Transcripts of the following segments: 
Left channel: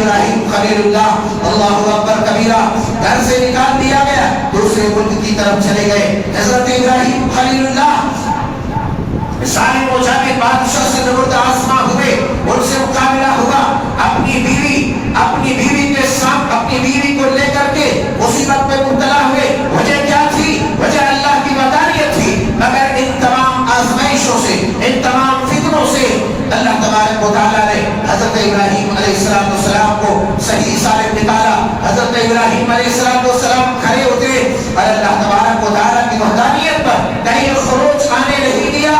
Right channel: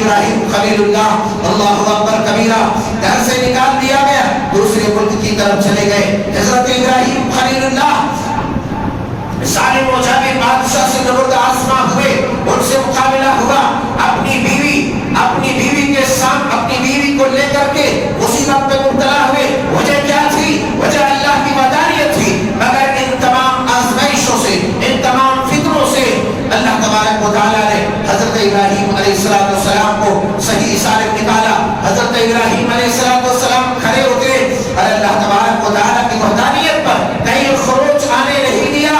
ابراہیم خلیل اللہ اللہ اکبر کبیرہ گھر سے نکال دیا گیا، دوسرے ملک کی طرف چلے گئے۔ حضرت ابراہیم خلیل اللہ ظالم و جابر بادشاہ سے نبرد آزما ہوئے، ان سے مقابلہ ہوا۔ اپنی بیوی کے ساتھ اپنی بیوی کو لے کر کے مصیبت میں مبتلا ہوئے۔ وجہ کیا تھی؟ وجہ اللہ کی وحدانیت تھی، مگر ان تمام آزمائشوں سے، ان تمام فتنوں سے اللہ تبارک و تعالیٰ نے حضرت ابراہیم علیہ السلام کو صحیح سالم نکالا۔ حضرت ابراہیم علیہ السلام کھڑے ہوتے اور اللہ تبارک و تعالیٰ کی وحدانیت پر کہیں خروج آنے نہیں دیا،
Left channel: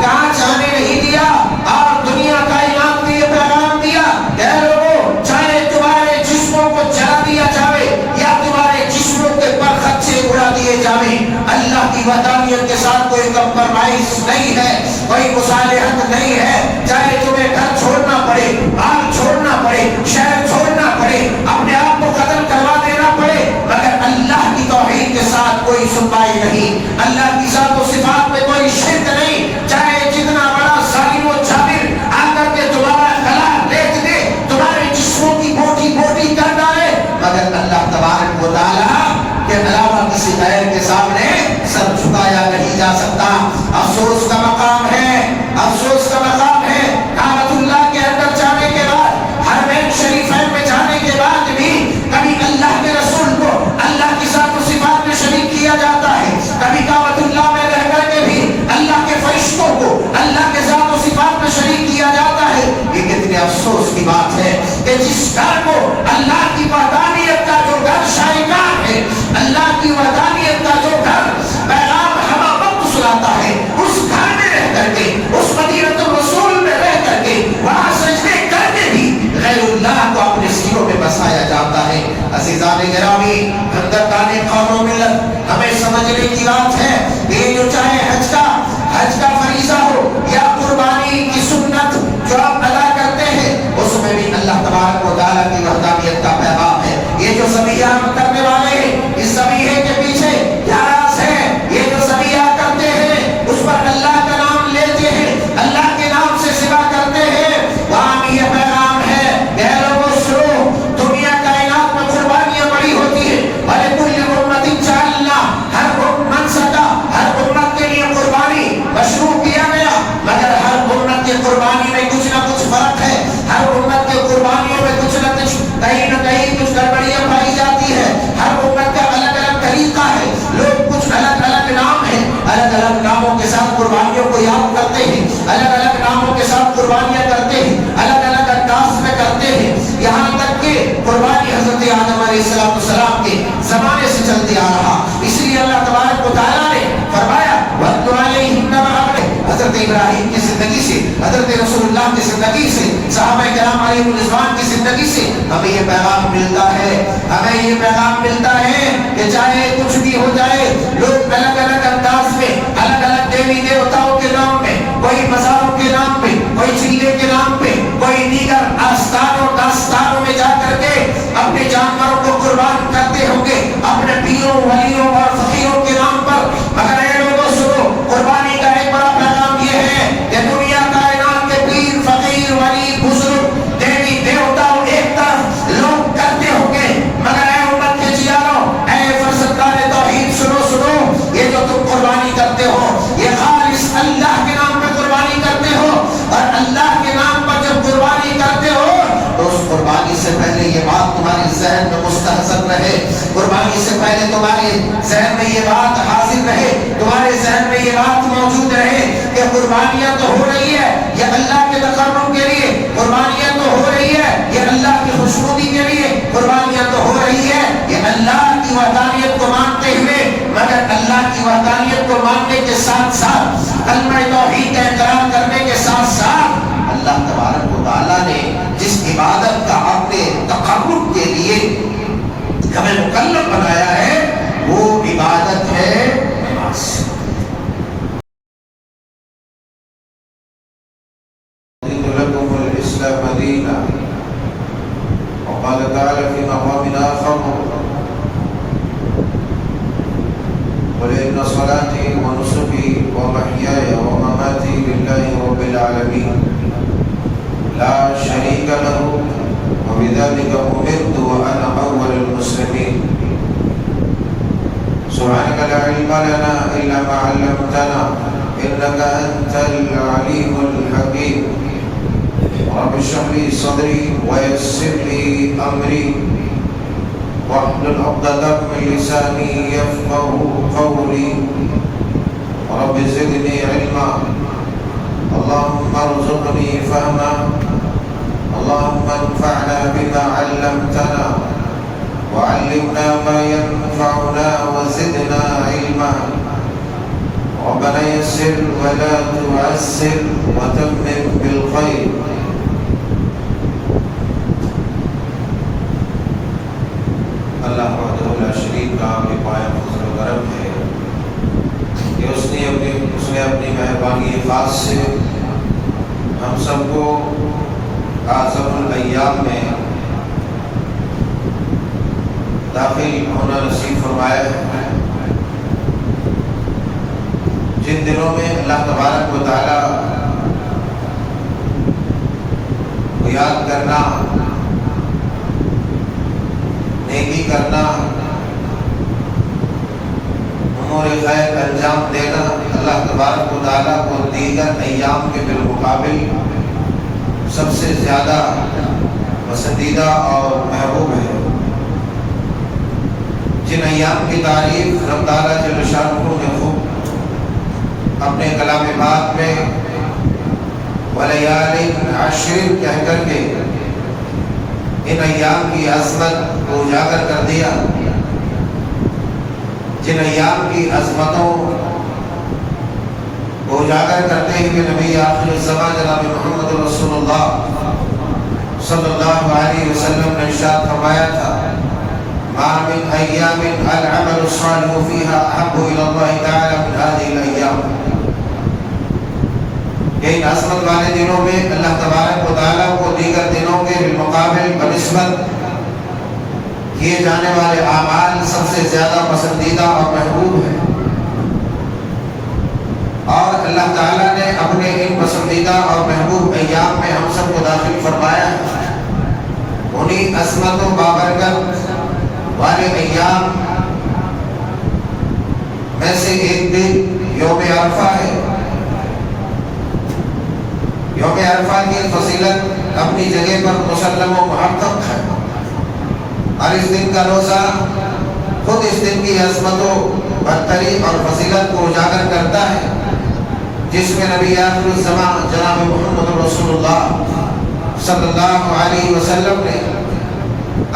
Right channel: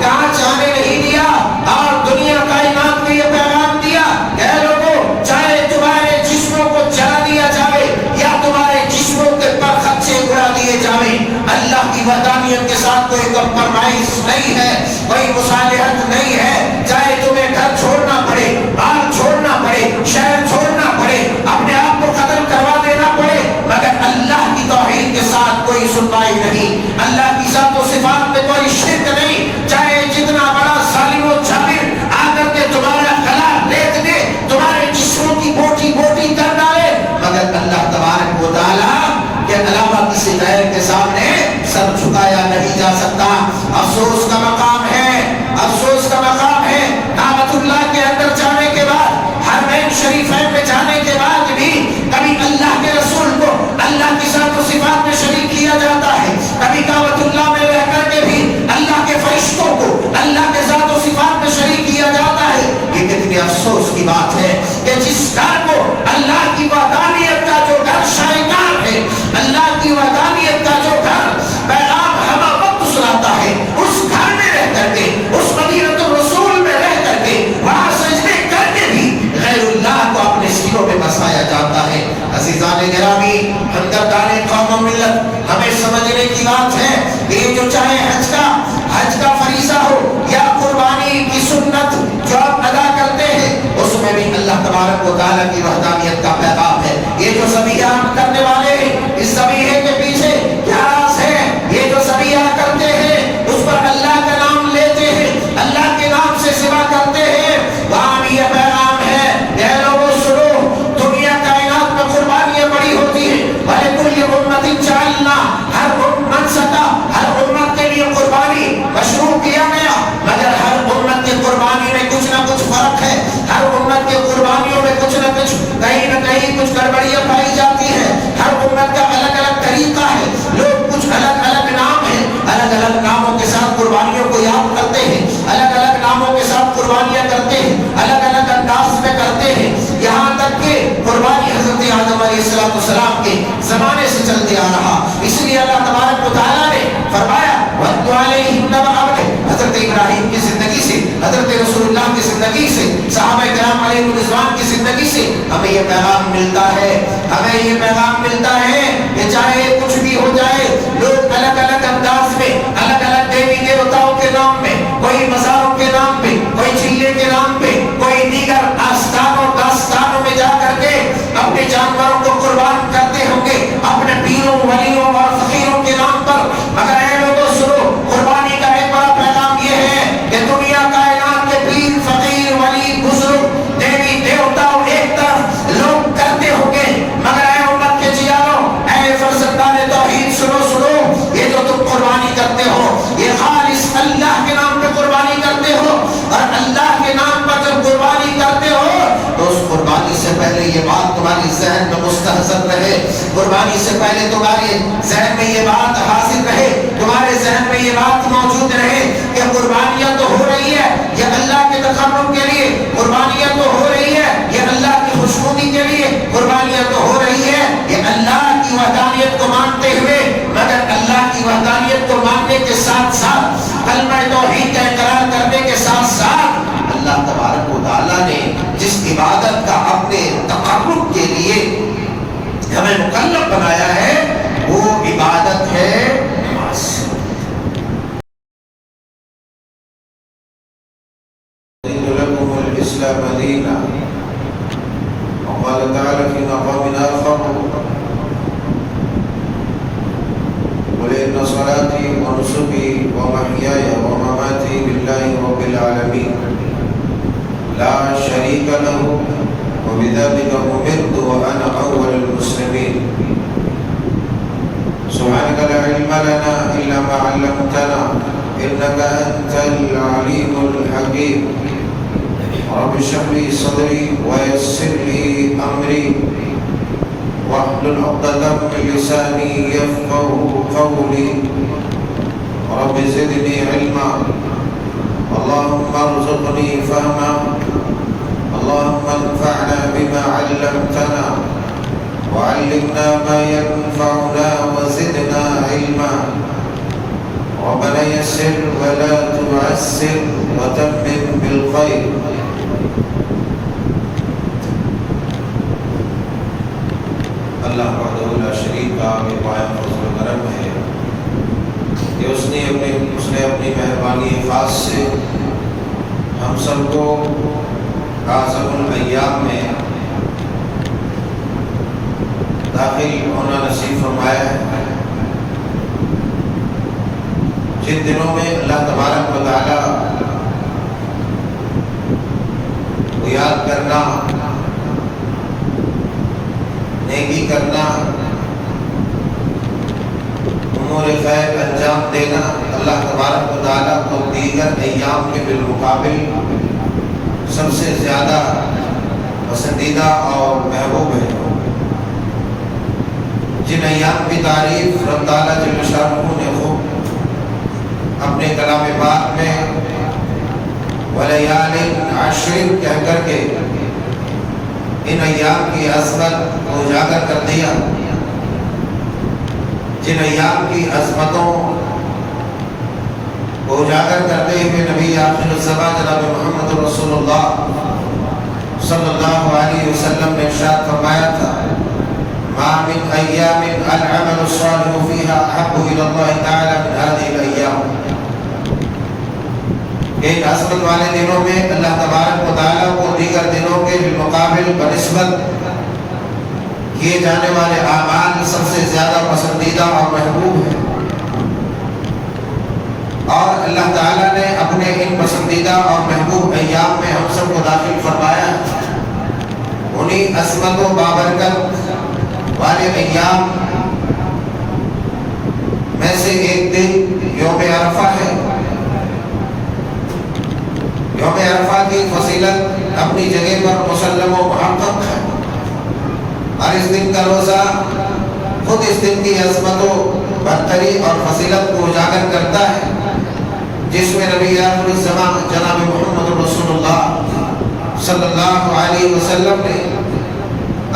کانچ آنے نہیں دیا، اور دنیا کائنات کے یہ پیغام دیا کہ لوگوں، چاہے تمہارے جسموں کو جلا دیا جائے یا تمہارے جسموں کے پر خدشے اڑا دیے جائیں، اللہ کی وحدانیت کے ساتھ کوئی کمپرمائز نہیں ہے، کوئی مصالحت نہیں ہے۔ چاہے تمہیں گھر چھوڑنا پڑے، مال چھوڑنا پڑے، شہر چھوڑنا پڑے، اپنے آپ کو قتل کروا دینا پڑے، مگر اللہ کی توحید کے ساتھ کوئی سنوائی نہیں، اللہ کی ذات و صفات میں کوئی شرک نہیں۔ چاہے جتنا بڑا ظالم و جابر آ کر کے تمہارا گلا لیٹ دے، تمہارے جسموں کی بوٹی بوٹی کر ڈالے، مگر اللہ تبارک و تعالیٰ کے علاوہ کسی غیر کے سامنے سر جھکایا نہیں جا سکتا۔ افسوس کا مقام ہے، افسوس کا مقام ہے، کعبۃ اللہ کے اندر جانے کے بعد، حرمین شریفین میں جانے کے بعد بھی کبھی اللہ کے رسول کو اللہ کی ذات و صفات میں شریک کیا جاتا ہے، کبھی کعبۃ اللہ میں رہ کر کے بھی اللہ کے فرشتوں کو اللہ کے ذات و صفات میں شریک کیا جاتا ہے۔ یہ کتنے افسوس کی بات ہے کہ جس گھر کو اللہ کی وحدانیت کا جو گھر شائقان ہے، اللہ کی وحدانیت کا جو گھر پیغام ہمہ وقت سناتا ہے، اس گھر میں رہ کر کے، اس مدینۃ الرسول میں رہ کر کے، وہاں سجدے کر کے بھی غیر اللہ کو اپنے سینوں میں بسایا جاتا ہے۔ عزیزان گرامی، ہمدردان قوم و ملت، ہمیں سمجھنے کی بات ہے کہ یہ جو چاہے حج کا فریضہ ہو یا قربانی کی سنت جو آپ ادا کرتے ہیں، اس میں بھی اللہ تبارک و تعالیٰ کی وحدانیت کا پیغام ہے۔ یہ جو ذبیحہ ہم کرنے والے ہیں، اس ذبیحے کے پیچھے کیا راز ہے؟ یہ جو ذبیحہ کرتے ہیں، اس پر اللہ کا نام لیتے ہیں، اللہ کے نام سے سوا کرتے ہیں، وہاں بھی یہ پیغام ہے کہ لوگوں سنو، دنیا کائنات میں قربانیاں بڑی ہوتی ہیں، وَلِكُلِّ أُمَّةٍ جَعَلْنَا، ہر منسکہ، ہر امت کے لیے قربانی مشروع کیا گیا، مگر ہر امت کی قربانی میں کچھ نہ کچھ فرق ہے، ہر امت کے قربانیوں میں کچھ نہ کچھ کہیں نہ کہیں کچھ گڑبڑیاں پائی جاتی ہے، ہر امت کا الگ الگ طریقہ ہے، لوگ کچھ الگ الگ نام ہیں، الگ الگ ناموں کے ساتھ قربانیوں کو یاد کرتے ہیں، الگ الگ ناموں کے ساتھ قربانیاں کرتے ہیں، الگ الگ انداز میں کرتے ہیں، یہاں تک کہ قربانی حضرت آدم علیہ السلام کے زمانے سے چلتے آ رہا۔ اس لیے اللہ تبارک و تعالیٰ نے فرمایا وَاتْلُ عَلَيْهِمْ نَبَأَ عَبْدٍ، حضرت ابراہیم کی زندگی سے، حضرت رسول اللہ کی زندگی سے، صحابہ کرام علیہ الرضوان کی زندگی سے ہمیں یہ پیغام ملتا ہے، ہمیں یہ پیغام ملتا ہے کہ چاہے کچھ بھی ہو جائے، لوگ الگ الگ انداز میں، الگ الگ دیوی دیوتاؤں کے نام میں، کوئی مزاروں کے نام پہ، کوئی چلے کے نام پہ، کوئی دیگر آستانوں داستانوں میں جا کر کے اپنے جانوروں کو قربان کرتے ہوں گے، اپنے پیروں ولیوں اور فقیروں کے نام پر، مگر اے لوگوں سنو، قربانی کا ایک بڑا پیغام یہ ہے کہ دنیا کائنات کے پیر فقیر ولی بزرگ دیوی دیوتا ایک طرف لوگ کرتے ہوں گے، مگر اے امت کے جیانوں، اے فرزندان توحید، سنو، یہ جو تم قربانی کرتے ہو، یہ خالص اللہ کے نام پہ قربانی کرتے ہو، اور اللہ کے نام پر جب قربانی کرتے ہو تو اس قربانی سے پہلے یہ بات تمہاری ذہن میں مستحضر رہے، قربانی سے پہلے تمہارے ذہن میں یہ بات حاضر رہے، تمہارے ذہن میں یہ بات موجود رہے کہ قربانیاں تو ہو رہی ہے یہ اللہ کے تقرب کے لیے، قربانیاں تو ہو رہی ہے یہ اللہ کی خوشنودی کے لیے، قربانیاں تو ہو رہی ہے یہ اللہ کی وحدانیت کو مانتے ہوئے، مگر اللہ کی وحدانیت کو ماننے کے ساتھ ساتھ، کلمہ توحید کا اقرار کرنے کے ساتھ ساتھ، اللہ تبارک و تعالیٰ نے جس عبادت کا اپنے تقرب کے لیے ہمیں مکلف بنایا ہے وہ عبادت ہے وَلِأَنَّ صَلَاتِي وَنُسُكِي وَمَحْيَايَ وَمَمَاتِي لِلَّهِ رَبِّ الْعَالَمِينَ لَا شَرِيكَ لَهُ وبذلك أمرت وأنا أول المسلمين. سبحانك لا علم لنا إلا ما علمتنا إنك أنت العليم الحكيم. رب اشرح لي صدري ويسر لي أمري واحلل عقدة من لساني يفقهوا قولي. رب زدني علما اللهم ارزقني فهما اللهم انفعنا بما علمتنا وعلمنا ما ينفعنا وزدنا علما. ربنا يسر ولا تعسر وتمم بالخير. اللہ وحدہ لا شریک کا بے پایہ فضل و کرم ہے کہ اس نے اپنی مہربانی خاص سے ہم سب کو اعظم الایام میں داخل ہونا نصیب فرمایا ہے، جن دنوں میں اللہ تبارک و تعالی کو یاد کرنا، نیکی کرنا، امور خیر انجام دینا اللہ تبارک و تعالیٰ کو دیگر ایام کے بالمقابل سب سے زیادہ پسندیدہ اور محبوب ہے۔ جن ایام کی تعریف رب تعالیٰ جل شانہ نے خوب اپنے کلام پاک میں وَلَيَالٍ عَشْرٍ کہہ کر کے ان ایام کی عظمت کو اجاگر کر دیا، جن ایام کی عظمتوں کو اجاگر کرتے ہوئے نبی آخر الزمان جناب محمد رسول اللہ صلی اللہ علیہ وسلم نے ارشاد فرمایا تھا مَا مِنْ أَيَّامٍ الْعَمَلُ الصَّالِحُ فِيهَا أَحَبُّ إِلَى اللَّهِ تَعَالَى مِنْ هَذِهِ الْأَيَّامِ۔ ان عظمت والے دنوں میں اللہ تبارک و تعالیٰ کو دیگر دنوں کے بالمقابل بنسبت کیے جانے والے اعمال سب سے زیادہ پسندیدہ اور محبوب ہیں، اور اللہ تعالیٰ نے اپنے ان پسندیدہ اور محبوب ایام میں ہم سب کو داخل فرمایا۔ انہی عظمت و بابرکت والے ایام میں سے ایک دن یوم عرفہ ہے۔ یوم عرفہ کی فضیلت اپنی جگہ پر مسلم و محقق ہے، اور اس دن کا روزہ خود اس دن کی عظمت و برتری اور فضیلت کو اجاگر کرتا ہے، جس میں نبی آخر الزمان جناب محمد رسول اللہ صلی اللہ علیہ وسلم نے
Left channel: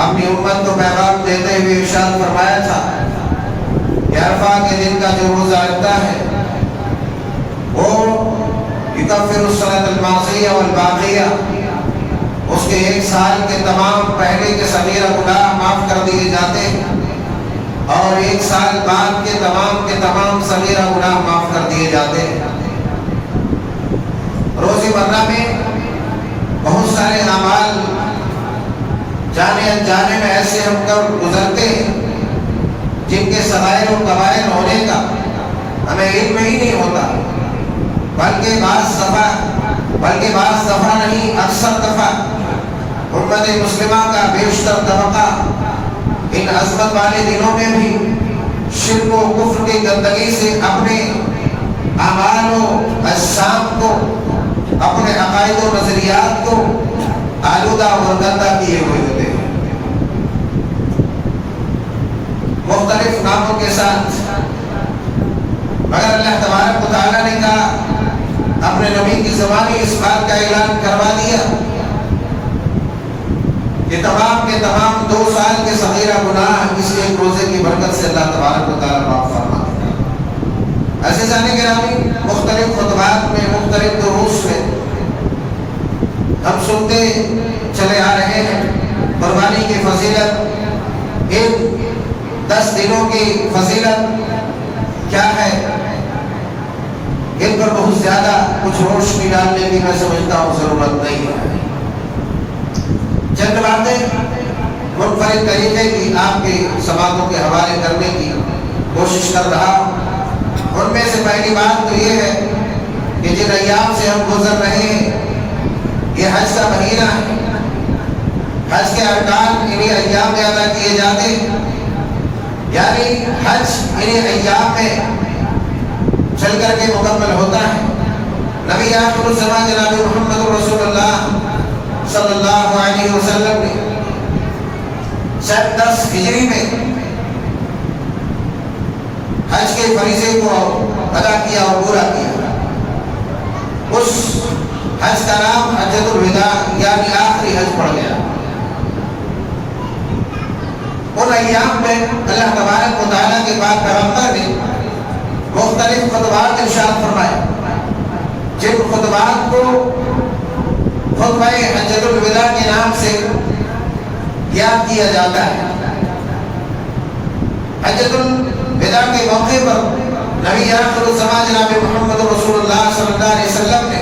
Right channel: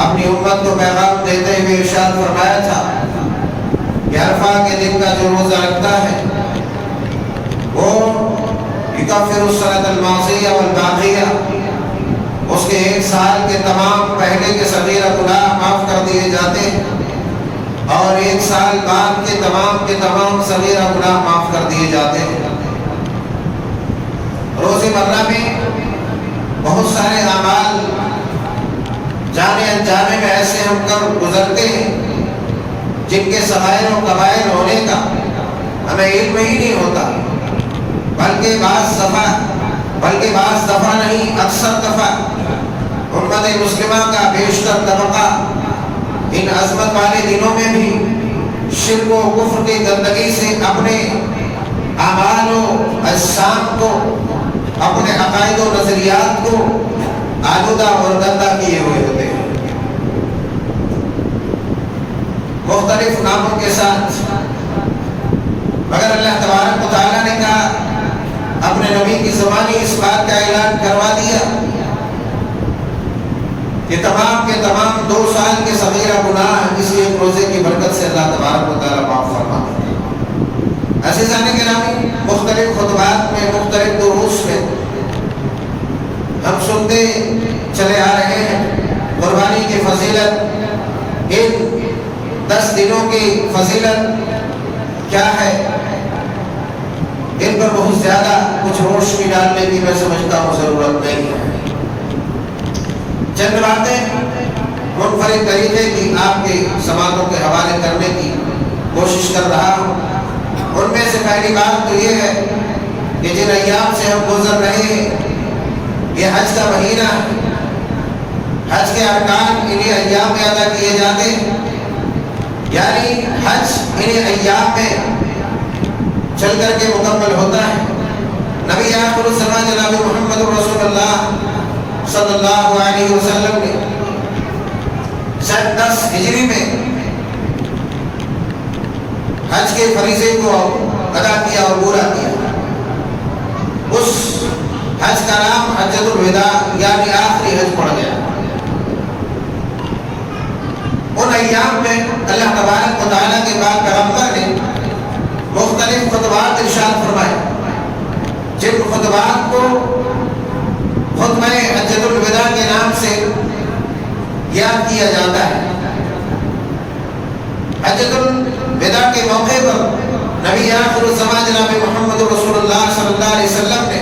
اپنی امت کو پیغام دیتے ہوئے ارشاد فرمایا تھا کہ عرفہ کے دن کا جو روزہ رکھتا ہے وہ یکفر السنۃ الماضیہ والباقیہ، اس کے ایک سال کے تمام پہلے کے صغیرہ گناہ معاف کر دیے جاتے ہیں، اور ایک سال بعد کے تمام صغیرہ گناہ معاف کر دیے جاتے ہیں۔ روزی مرہ میں بہت سارے اعمال جانے انجانے میں ایسے ہم کر گزرتے ہیں جن کے صغائر و کبائر ہونے کا ہمیں علم ہی نہیں ہوتا، بلکہ بعض دفعہ نہیں، اکثر دفعہ امت مسلمہ کا بیشتر طبقہ ان عظمت والے دنوں میں بھی شرک و کفر کی گندگی سے اپنے اعمال و اجسام کو، اپنے عقائد و نظریات کو آلودہ اور گندہ کیے ہوئے ہوتے ہیں، مختلف ناموں کے ساتھ۔ مگر اللہ تبارک و تعالیٰ نے کہا، اپنے نبی کی زبانی اس بات کا اعلان کروا دیا کہ تمام کے تمام 2 سال کے صغیرہ گناہ اس ایک روزے کی برکت سے اللہ تبارک و تعالیٰ معاف فرما دے۔ عزیزان گرامی، مختلف خطبات میں، مختلف دروس میں ہم سنتے چلے آ رہے ہیں قربانی کی فضیلت، ان 10 دنوں کی فضیلت کیا ہے، ان پر بہت زیادہ کچھ روشنی ڈالنے کی میں سمجھتا ہوں ضرورت نہیں ہے۔ چند باتیں منفرد طریقے کی آپ کے سماعتوں کے حوالے کرنے کی کوشش کر رہا ہوں۔ ان میں سے پہلی بات تو یہ ہے کہ جن ایام سے ہم گزر رہے ہیں یہ حج کا مہینہ ہے۔ حج کے ارکان انہی ایام میں ادا کیے جاتے ہیں، یعنی حج انہی ایام میں چل کر کے مکمل ہوتا ہے۔ نبی آخر الزمان جناب محمد رسول اللہ صلی اللہ علیہ وسلم نے سن 10 ہجری میں حج کے فریضے کو ادا کیا اور پورا کیا۔ اس حج کا نام حجۃ الوداع یعنی آخری حج پڑ گیا۔ ان ایام میں اللہ تبارک و تعالیٰ کے پاک پیغمبر نے مختلف خطبات ارشاد فرمائے، جن خطبات کو خطبہ حجۃ الوداع کے نام سے یاد کیا جاتا ہے۔ حجۃ الوداع کے موقع پر نبی آخر الزمان جناب محمد رسول اللہ صلی اللہ علیہ وسلم نے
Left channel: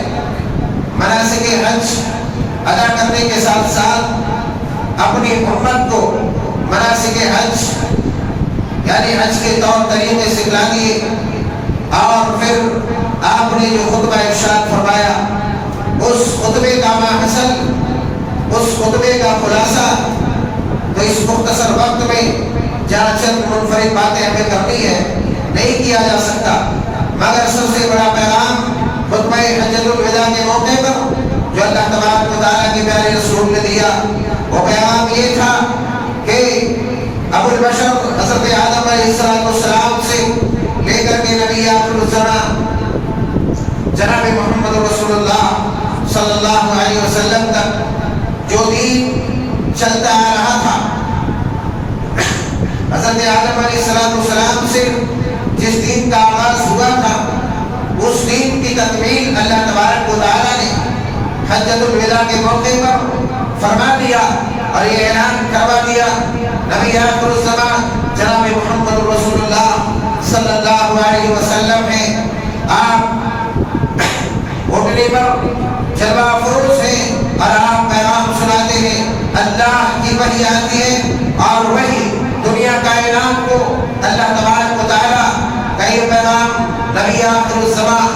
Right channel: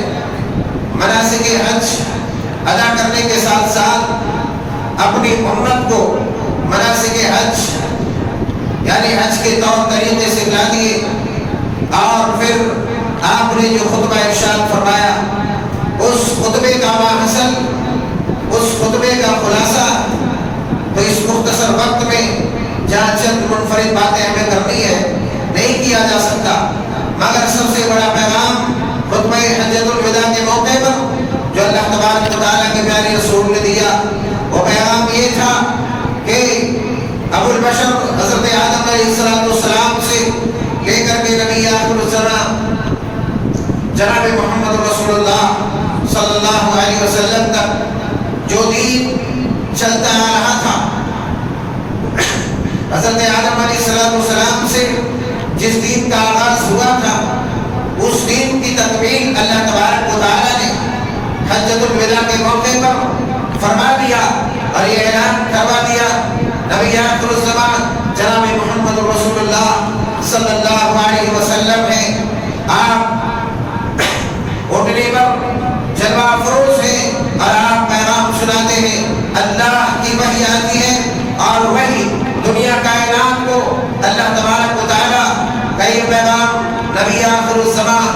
مناسک حج ادا کرنے کے ساتھ ساتھ اپنی امت کو مناسک حج یعنی حج کے طور طریقے سکھلا دیے، اور پھر آپ نے جو خطبہ ارشاد فرمایا اس خطبے کا ماحصل، اس خطبے کا خلاصہ تو اس مختصر وقت میں جہاں چند منفرد باتیں ہمیں کرنی ہے نہیں کیا جا سکتا، مگر سب سے بڑا پیغام خطبہ حجۃ الوداع کے موقع پر جو اللہ تبارک و تعالیٰ کے پیارے رسول نے دیا وہ پیغام یہ تھا کہ ابو البشر حضرت آدم علیہ السلام سے لے کر کے نبی آخر الزمان جناب محمد رسول اللہ صلی اللہ علیہ وسلم تک جو دین چلتا آ رہا تھا، حضرت آدم علیہ السلام سے جس دین کا آغاز ہوا تھا اس دین کی تکمیل اللہ تبارک و تعالیٰ نے حجۃ الوداع کے موقع پر فرما دیا اور یہ اعلان کروا دیا۔ نبی آخر الزمان جناب محمد رسول اللہ صلی اللہ علیہ وسلم ہیں، آپ گھٹنے پر جلوہ افروز ہیں اور آپ پیغام سناتے ہیں۔ اللہ کی وحی آتی ہے اور وہی دنیا کائنات کو اللہ تبارک و تعالیٰ کا یہ پیغام نبی آخر الزمان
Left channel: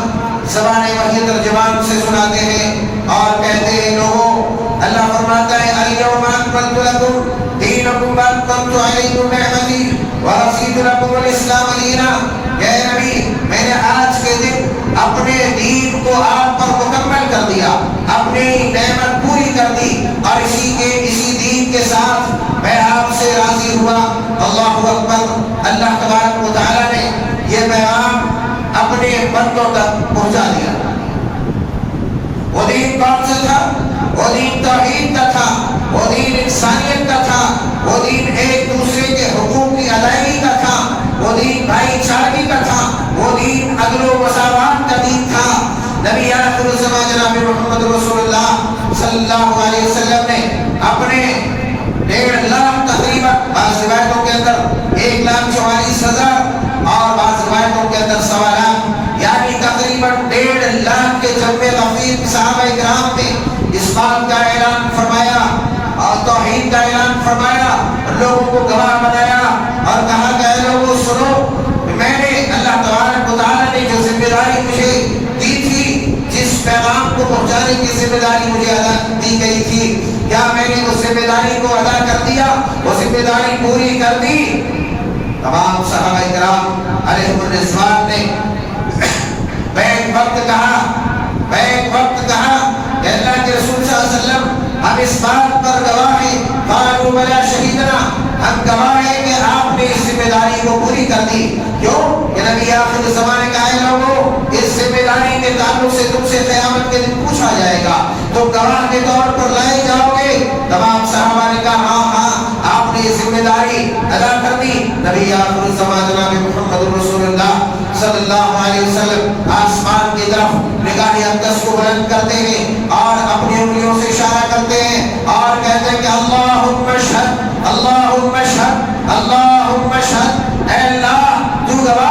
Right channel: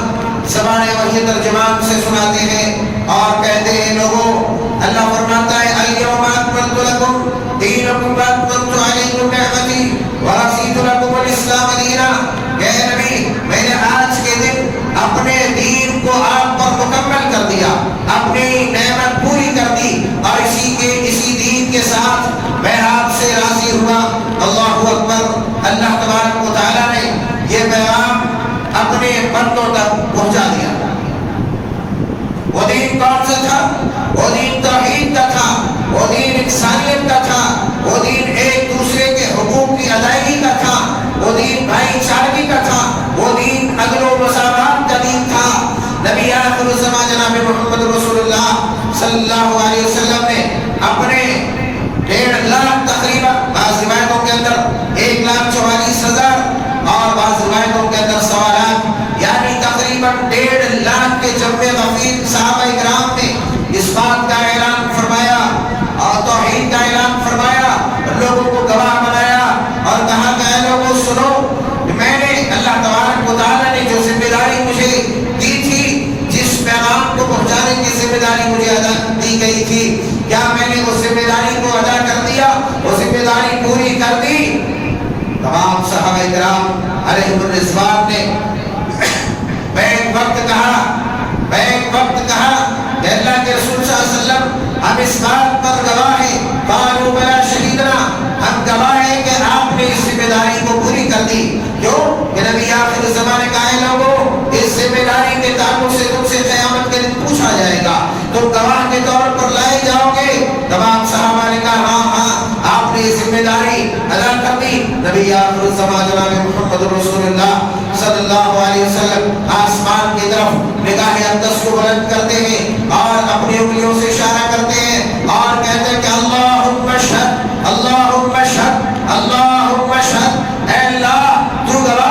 زبان وحی ترجمان سے سناتے ہیں اور کہتے ہیں لوگوں، اللہ فرماتا ہے الیوم اکملت لکم دینکم واتممت علیکم نعمتی ورضیت لکم الاسلام دینا۔ اے نبی، میں نے آج کے دن اپنے دین کو آپ پر مکمل کر دیا، اپنی نعمت پوری کر دی اور اسی دین کے ساتھ میں آپ سے راضی ہوا۔ اللہ اکبر۔ اللہ تبارک و تعالیٰ نے یہ پیغام اپنے بندوں تک پہنچا دیا۔ وہ دین کون سا تھا؟ وہ دین توحید کا تھا، وہ دین انسانیت کا تھا، وہ دین ایک دوسرے کے حقوق کی ادائیگی کا تھا، وہ دین بھائی چارگی کا تھا، وہ دین عدل و مساوات کا دین تھا۔ نبی آخر الزمان جناب محمد رسول اللہ صلی اللہ علیہ وسلم نے اپنے 1.5 لاکھ تقریباً، بعض روایتوں کے اندر 1,44,000 اور بعض روایتوں کے اندر 1.25 لاکھ یعنی تقریباً 1.5 لاکھ کے جمع غفیر صحابہ کرام نے اس بات کا اعلان فرمایا اور توحید کا اعلان فرمایا، لوگوں کو گواہ بنایا اور کہا کہ اے لوگوں سنو، میں نے اللہ تبارک و تعالیٰ نے جو ذمہ داری مجھے دی تھی، جس پیغام کو پہنچانے کی ذمہ داری مجھے ادا دی گئی تھی، کیا میں نے اس ذمہ داری کو ادا کر دیا؟ وہ ذمہ داری پوری کر دی۔ تمام صحابہ کرام علیہم الرضوان نے بیک وقت کہا کہ اللہ کے رسول صلی اللہ علیہ وسلم ہم اس بات پر گواہ ہیں، قالوا بلا شہیدنا، ہم گواہ ہیں کہ آپ نے اس ذمہ داری کو پوری کر دی۔ کیوں کہ نبی آخر زمانے کا ہے لوگوں، اس ذمہ داری کے تعلق سے تم سے قیامت کے دن پوچھا جائے گا، تو گواہ کے طور پر لائے جاؤ گے؟ تمام صحابہ نے کہا ہاں آپ نے یہ ذمہ داری ادا کر دی۔ نبی آخر الزمان جناب محمد رسول اللہ صلی اللہ علیہ وسلم آسمان کی طرف نگاہ اقدس کو بلند کرتے ہیں اور اپنی انگلیوں سے اشارہ کرتے ہیں اور کہتے ہیں کہ اللہم اشہد، اللہم اشہد، اللہم اشہد، اے اللہ تو گواہ۔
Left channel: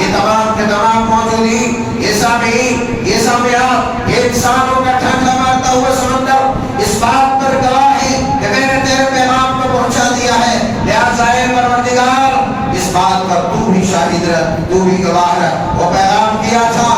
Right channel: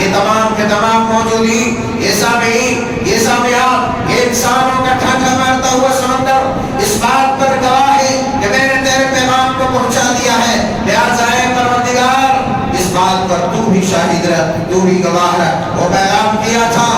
یہ تمام کے تمام موجودین، یہ سامعین، یہ سامعات، یہ انسانوں کا ٹھٹھا مارتا ہوا سمندر اس بات پر گواہ ہے کہ میں نے تیرے پیغام کو پہنچا دیا ہے، لہٰذا اے پروردگار اس بات پر تو بھی شاہد رہ، تو بھی گواہ ہے۔ وہ پیغام کیا تھا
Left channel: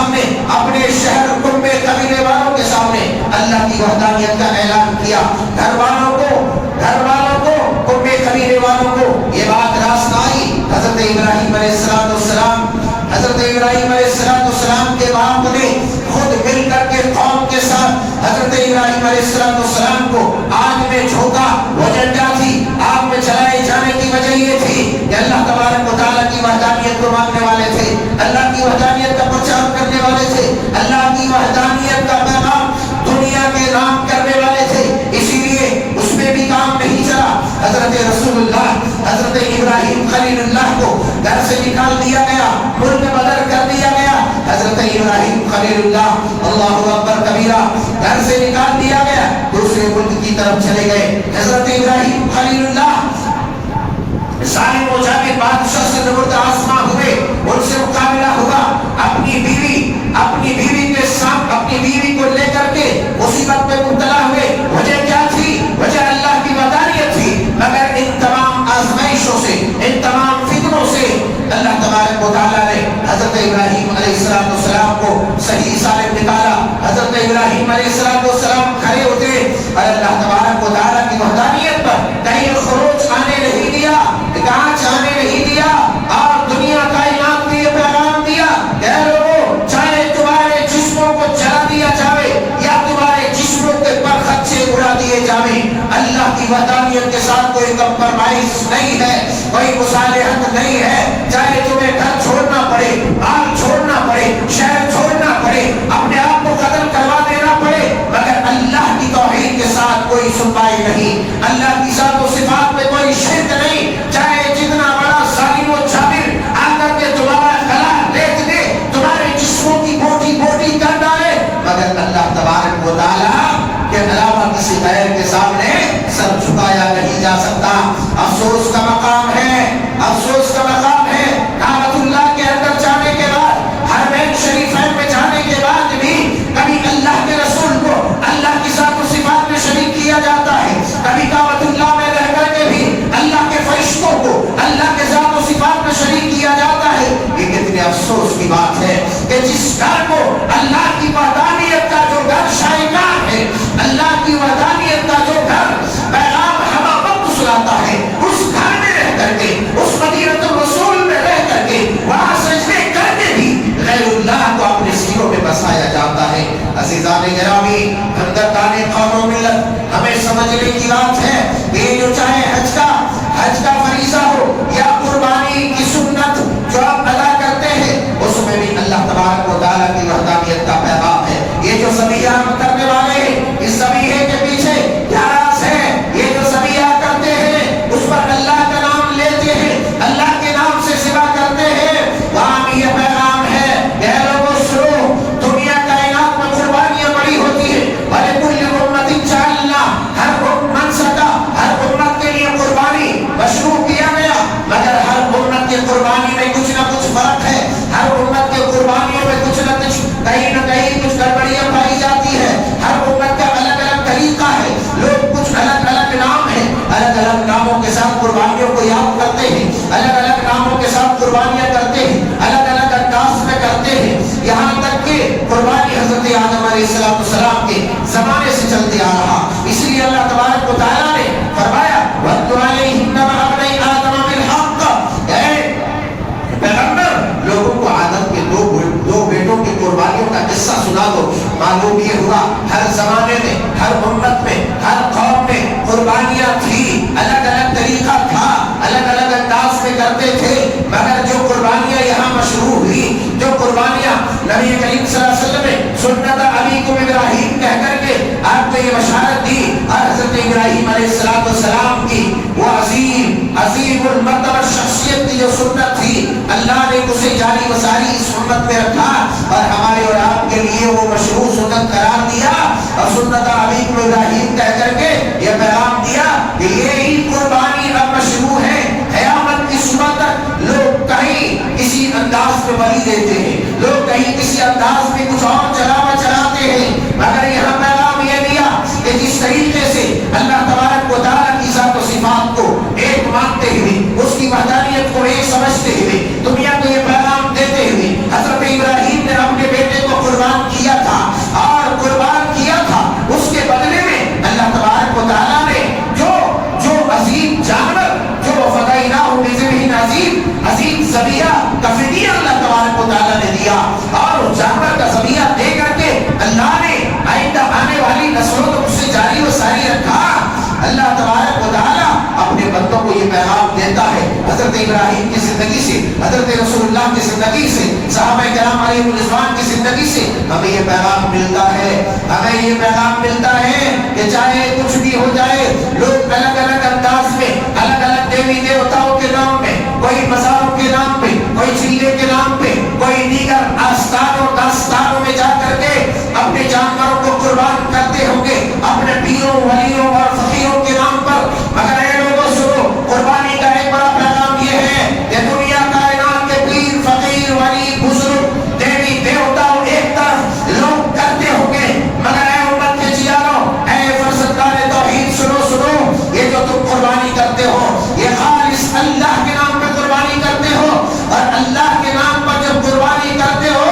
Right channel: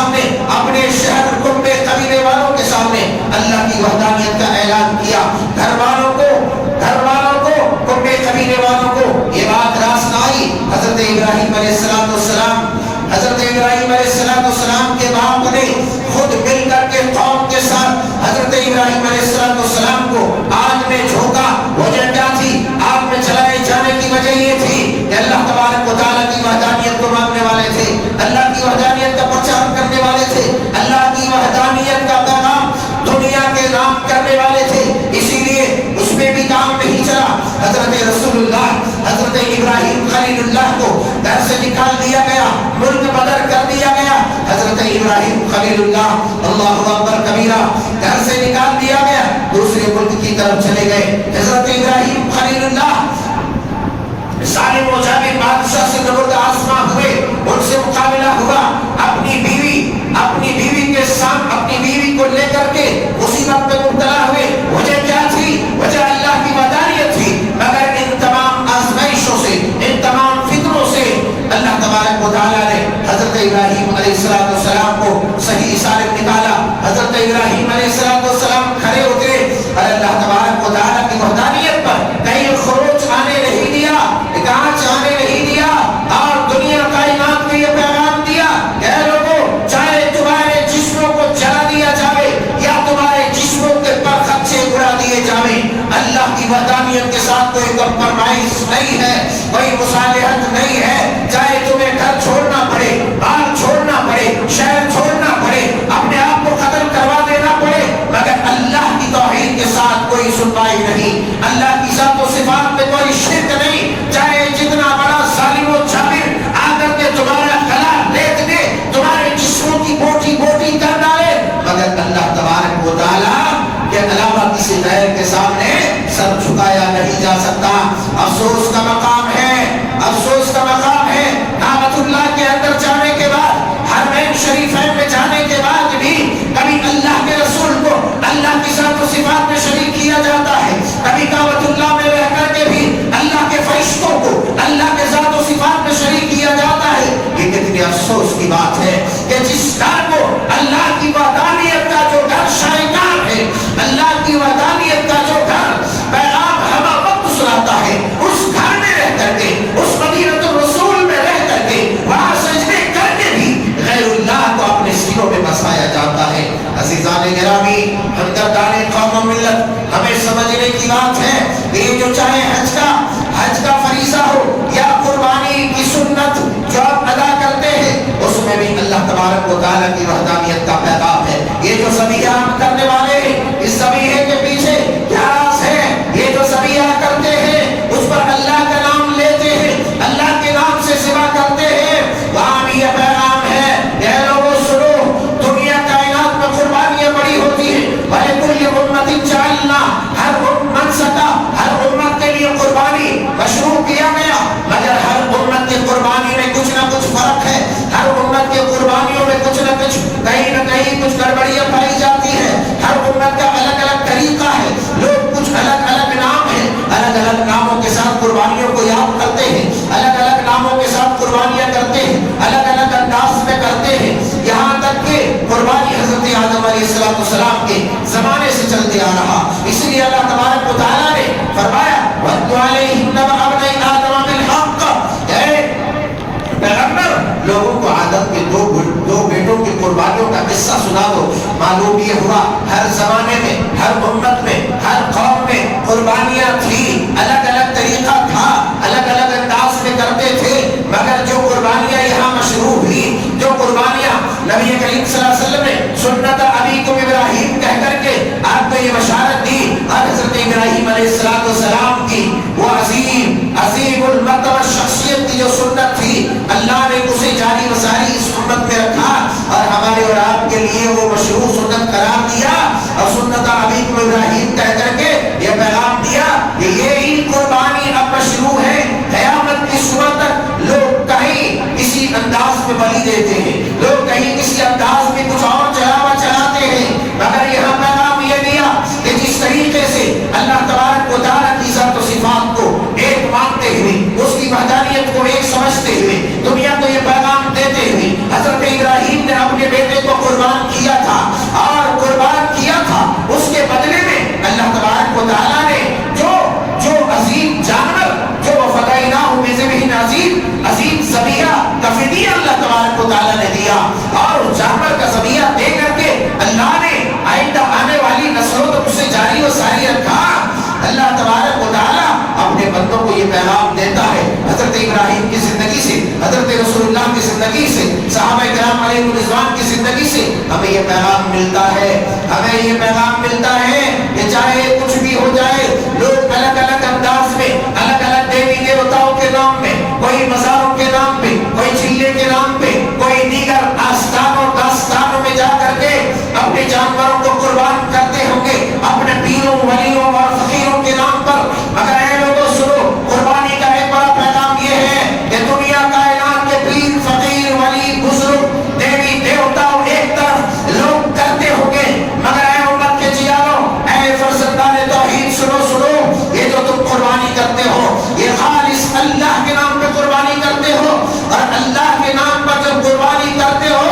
سامنے, اپنے شہر کنبے قبیلے والوں کے سامنے اللہ کی وحدانیت کا اعلان کیا. گھر والوں کو کنبے قبیلے والوں کو یہ بات راست نہ آئی. حضرت ابراہیم علیہ السلام کے باپ نے خود مل کر کے قوم کے ساتھ حضرت ابراہیم علیہ السلام کو آگ میں جھونکا. وجہ کیا تھی؟ آگ میں چلائے جانے کی وجہ یہ تھی کہ اللہ تبارک و تعالیٰ کی وحدانیت کو ماننے والے تھے, اللہ کی وحدانیت کا پرچار کرنے والے تھے, اللہ کی وحدانیت کا پیغام دنیا کے نام کرنے والے تھے. اسی لیے اس میں بھی کام نہیں چلا. حضرت رسول اللہ حضرت ابراہیم خلیل اللہ کو گھر سے نکال دیا گیا, ملک بدر کر دیا گیا. حضرت ابراہیم خلیل اللہ اللہ اکبر کبیرہ گھر سے نکال دیا گیا, دوسرے ملک کی طرف چلے گئے. حضرت ابراہیم خلیل اللہ ظالم و جابر بادشاہ سے نبرد آزما ہوئے, ان سے مقابلہ ہوا. اپنی بیوی کے ساتھ اپنی بیوی کو لے کر کے مصیبت میں مبتلا ہوئے. وجہ کیا تھی؟ وجہ اللہ کی وحدانیت تھی. مگر ان تمام آزمائشوں سے, ان تمام فتنوں سے اللہ تبارک و تعالیٰ نے حضرت ابراہیم علیہ السلام کو صحیح سالم نکالا. حضرت ابراہیم علیہ السلام کھڑے ہوتے اور اللہ تبارک و تعالیٰ کی وحدانیت پر کہیں خروج آنے نہیں دیا, کانچ آنے نہیں دیا, اور دنیا کائنات کے یہ پیغام دیا کہ لوگوں, چاہے تمہارے جسموں کو جلا دیا جاوے یا تمہارے جسموں کے پر خدشے اڑا دیے جاوے, اللہ کی وحدانیت کے ساتھ کوئی کمپرمائز نہیں ہے, کوئی مصالحت نہیں ہے. چاہے تمہیں گھر چھوڑنا پڑے, مال چھوڑنا پڑے, شہر چھوڑنا پڑے, اپنے آپ کو قتل کروا دینا پڑے, مگر اللہ کی توحید کے ساتھ کوئی سنوائی نہیں, اللہ کی ذات و صفات میں کوئی شرک نہیں. چاہے جتنا بڑا ظالم و جابر آ کر کے تمہارا گلا لیٹ دے, تمہارے جسموں کی بوٹی بوٹی کر ڈالے, مگر اللہ تبارک و تعالیٰ کے علاوہ کسی غیر کے سامنے سر جھکایا نہیں جا سکتا. افسوس کا مقام ہے, افسوس کا مقام ہے. کعبۃ اللہ کے اندر جانے کے بعد, حرمین شریفین میں جانے کے بعد بھی کبھی اللہ کے رسول کو اللہ کی ذات و صفات میں شریک کیا جاتا ہے, کبھی کعبۃ اللہ میں رہ کر کے بھی اللہ کے فرشتوں کو اللہ کے ذات و صفات میں شریک کیا جاتا ہے. یہ کتنے افسوس کی بات ہے کہ جس گھر کو اللہ کی وحدانیت کا جو گھر شائقان ہے, اللہ کی وحدانیت کا جو گھر پیغام ہوا وقت سناتا ہے, اس گھر میں رہ کر کے, اس مدینۃ الرسول میں رہ کر کے, وہاں سجدے کر کے بھی غیر اللہ کو اپنے سینوں میں بسایا جاتا ہے. عزیزان گرامی, ہمدردان قوم و ملت, ہمیں سمجھنے کی بات ہے کہ یہ جو چاہے حج کا فریضہ ہو یا قربانی کی سنت جو آپ ادا کرتے ہیں, اس میں بھی اللہ تبارک و تعالیٰ کی وحدانیت کا پیغام ہے. یہ جو ذبیحہ ہم کرنے والے ہیں, اس ذبیحے کے پیچھے کیا راز ہے؟ یہ جو ذبیحہ کرتے ہیں اس پر اللہ کا نام لیتے ہیں, اللہ کے نام سے ذبح کرتے ہیں, وہاں بھی یہ پیغام ہے کہ لوگوں سنو, دنیا کائنات میں قربانیاں بڑی ہوتی ہیں, وَلِكُلِّ أُمَّةٍ جَعَلْنَا, ہر امت کے لیے قربانی مشروع کیا گیا, مگر ہر امت کی قربانی میں کچھ نہ کچھ فرق ہے. ہر امت کے قربانیوں میں کچھ نہ کچھ, کہیں نہ کہیں کچھ گڑبڑیاں پائی جاتی ہے. ہر امت کا الگ الگ طریقہ ہے, لوگ کچھ الگ الگ نام ہیں, الگ الگ ناموں کے ساتھ قربانیوں کو یاد کرتے ہیں, الگ الگ ناموں کے ساتھ قربانیاں کرتے ہیں, الگ الگ انداز میں کرتے ہیں. یہاں تک کہ قربانی حضرت آدم علیہ السلام کے زمانے سے چلتے آ رہا. اس لیے اللہ تبارک و تعالیٰ نے فرمایا وَاتْلُ عَلَيْهِمْ نَبَأَ ابْنَيْ آدَمَ بِالْحَقِّ, اے پیغمبر, لوگوں کو آدم کے دو بیٹوں کی قربانیوں کا قصہ سنا دو. معلوم یہ ہوا ہر زمانے میں, ہر امت میں, ہر قوم میں قربانیاں تھی, الگ الگ طریقہ تھا, الگ الگ انداز میں کرتے تھے, مگر جو قربانیاں یہاں مشروع ہوئی, جو قربانیاں نبی کریم صلی اللہ علیہ وسلم نے سنت ابیکم ابراہیم کہہ کر کے آپ کو یہ بشارت دی, اور حضرت ابراہیم علیہ السلام کی وہ عظیم المرتبہ شخصیت کی جو سنت تھی, اللہ نے اسے جاری وساری اس امت میں رکھا اور ہمارے اور آپ کے لیے وہ مشروع سنت قرار دیا, اور سنت ابیکم ابراہیم کہہ کر کے یہ پیغام دیا کہ یہی قربانی اب مشروع ہے. قیامت کی صبح تک لوگ کہیں کسی انداز میں بلی دیتے ہیں, لوگ کہیں کسی انداز میں کچھ اور چلاتے ہیں, مگر یہاں پیغام یہ دیا کہ جس طریقے سے اللہ تبارک و تعالیٰ کی ذات و صفات کو ایک مانتے ہوئے, اس کی وحدانیت کو ایک سمجھتے ہوئے, دنیا کو یہ پیغام دیتے ہوئے حضرت ابراہیم نے اپنے بیٹے علیہ وسلم کی زندگی سے ہمیں یہ پیغام ملتا ہے، ہمیں یہ پیغام ملتا ہے کہ چاہے کچھ بھی ہو جائے، لوگ الگ الگ انداز میں الگ الگ دیوی دیوتاؤں کے نام میں، کوئی مزاروں کے نام پہ، کوئی چیلے کے نام پہ، کوئی دیگر آستانوں داستانوں میں جا کر کے اپنے جانوروں کو قربان کرتے ہوں گے اپنے پیروں ولیوں اور فقیروں کے نام پر، مگر اے لوگوں سنو، قربانی کا ایک بڑا پیغام یہ ہے کہ دنیا کائنات کے پیر فقیر ولی بزرگ دیوی دیوتاؤں ایک طرف لوگ کرتے ہوں گے، مگر اے امت کے جیاروں، اے فرزندان توحید سنو سنو، یہ جو تم قربانی کرتے ہو یہ خالص اللہ کے نام پہ قربانی کرتے ہو، اور اللہ کے نام پر جب قربانی کرتے ہو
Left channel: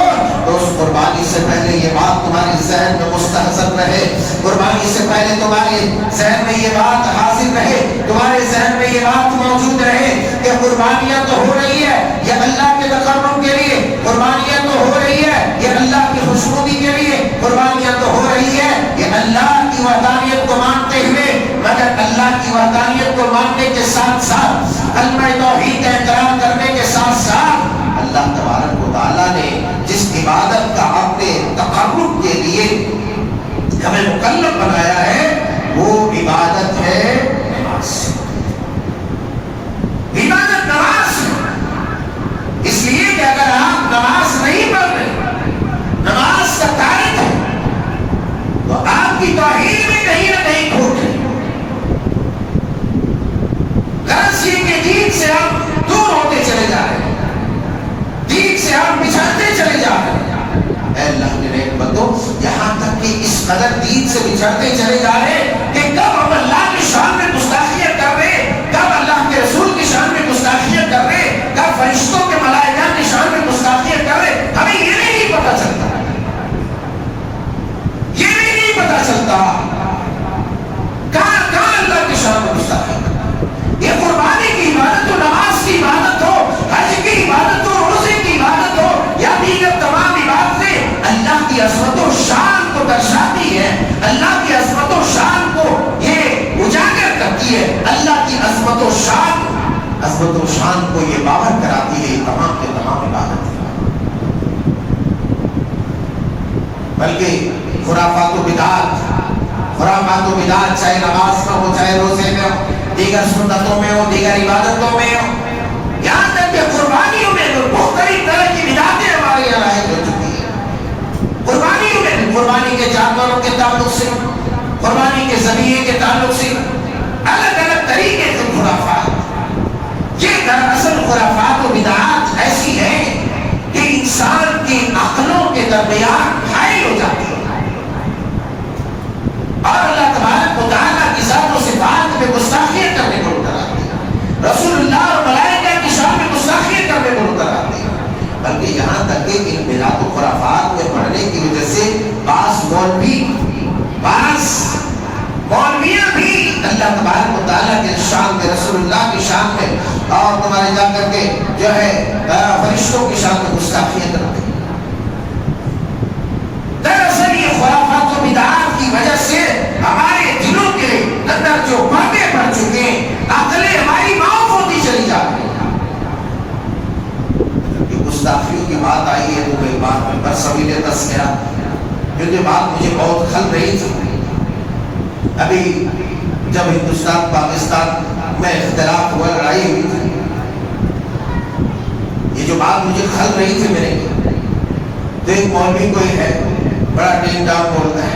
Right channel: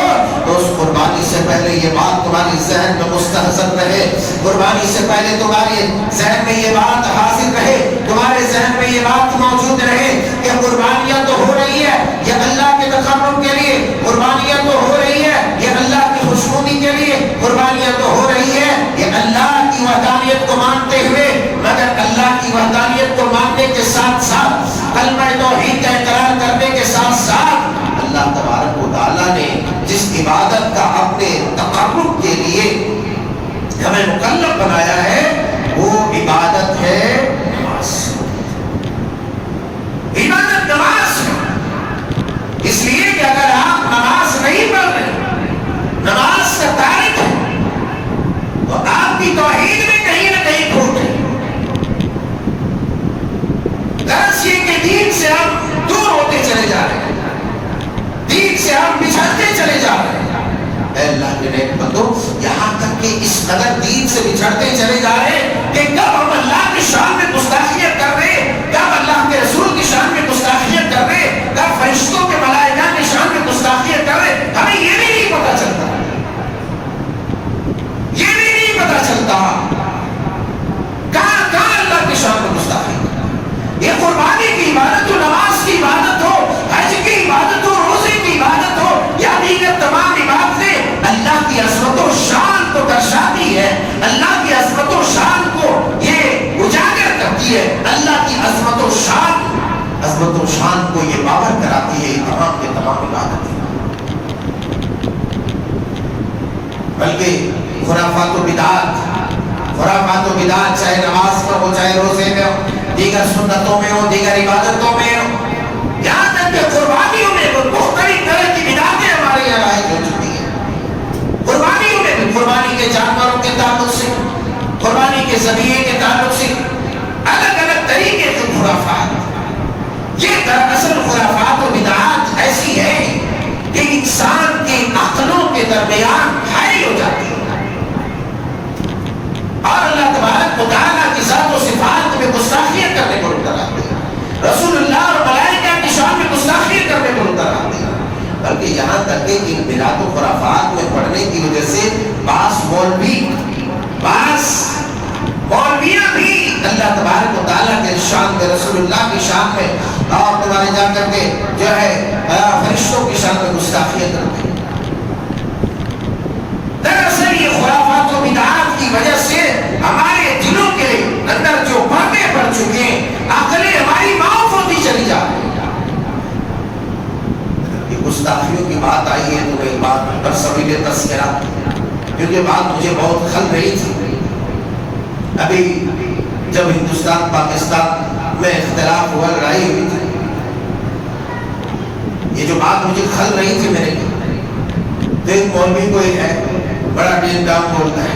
تو اس قربانی سے پہلے یہ بات تمہاری ذہن میں مستحضر رہے، قربانی سے پہلے تمہارے ذہن میں یہ بات حاضر رہے، تمہارے ذہن میں یہ بات موجود رہے کہ قربانیاں تو ہو رہی ہے یہ اللہ کے تقرب کے لیے، قربانیاں تو ہو رہی ہے یہ اللہ کی خوشنودی کے لیے، قربانیاں تو ہو رہی ہے یہ اللہ کی وحدانیت کو مانتے ہوئے، مگر اللہ کی وحدانیت کو ماننے کے ساتھ ساتھ کلمہ توحید کا اقرار کرنے کے ساتھ ساتھ اللہ تبارک و تعالیٰ نے جس عبادت کا اپنے تقرب کے لیے ہمیں مکلف بنایا ہے وہ عبادت ہے نماز۔ عبادت نماز ہے، اس لیے کہ اگر آپ نماز نہیں پڑھ رہے، نماز کا تارک ہے، تو آپ کی توحید میں کہیں نہ کہیں کھوٹ ہے۔ غرض یہ کہ دین سے ہم دور ہوتے چلے جا رہے ہیں، دین سے ہم بچھڑتے چلے جا رہے ہیں۔ اے اللہ کے نیک بندو، یہاں تک کہ اس قدر دین سے بچھڑتے چلے جا رہے ہیں کہ کب ہم اللہ کی شان میں گستاخیت کر رہے ہیں، کب اللہ کے رسول کی شان میں گستاخیت کر رہے ہیں، کب فرشتوں کے ملائکہ کی شان میں گستاخیت کر رہے ہیں، ہمیں یہ بھی نہیں پتا چلتا، یہ بھی نہیں پتا چلتا کہاں کہاں اللہ کی شان میں گستاخیت۔ یہ قربانی کی عبادت ہو، نماز کی عبادت ہو، حج کی عبادت ہو، روزے کی عبادت ہو یا دیگر تمام عبادتیں اللہ کی عظمت و شان کو درشاتی ہے، اللہ کی عظمت و شان کو یہ اجاگر کرتی ہے، اللہ کی عظمت و شان کو یہ باور کراتی ہے، یہ تمام کے تمام عبادتیں۔ بلکہ خرافات و بدعات چاہے نماز میں ہو، چاہے روزے میں ہو، دیگر سنتوں میں ہو، دیگر عبادتوں میں ہو، یہاں تک کہ قربانیوں میں مختلف طرح کی بدعتیں ہمارے یہاں رائج ہو چکی ہیں۔ قربانیوں میں قربانی کے جانوروں کے تعلق سے، قربانی کے ذبیحے کے تعلق سے الگ الگ طریقے کے خرافات، یہ دراصل خرافات و بدعات ایسی ہے کہ انسان کی عقلوں کے درمیان حائل ہو جاتی ہے، اور اللہ تبارک و تعالیٰ کی ذات و صفات میں گستاخیت کرنے کو روک آتی ہے، رسول اللہ اور ملائکہ کی شان میں گستاخیت کرنے کو روک آتی ہے۔ بلکہ یہاں تک کہ ان بدعات و خرافات میں پڑھنے کی وجہ سے بعض مولویاں بھی اللہ تبارک و تعالیٰ کے شان میں، رسول اللہ کی شان میں اور تمہارے جا کر کے جو ہے فرشتوں کی شان میں گستاخیت کرتے ہیں۔ دراصل یہ خرافات و بدعات کی وجہ سے ہمارے دلوں کے اندر جو پردے پڑ چکے ہیں، عقلیں ہماری معاف ہوتی چلی جا رہی ہیں۔ گستاخیوں کی بات آئی ہے تو ایک بات پر سبیل تذکرہ، کیونکہ بات مجھے بہت کھل رہی تھی۔ ابھی جب ہندوستان پاکستان میں اختلاف ہوا، لڑائی ہوئی تھی، یہ جو بات مجھے کھل رہی تھی میرے تو ایک مولوی کوئی ہے بڑا ڈین ڈاؤن بولتا ہے،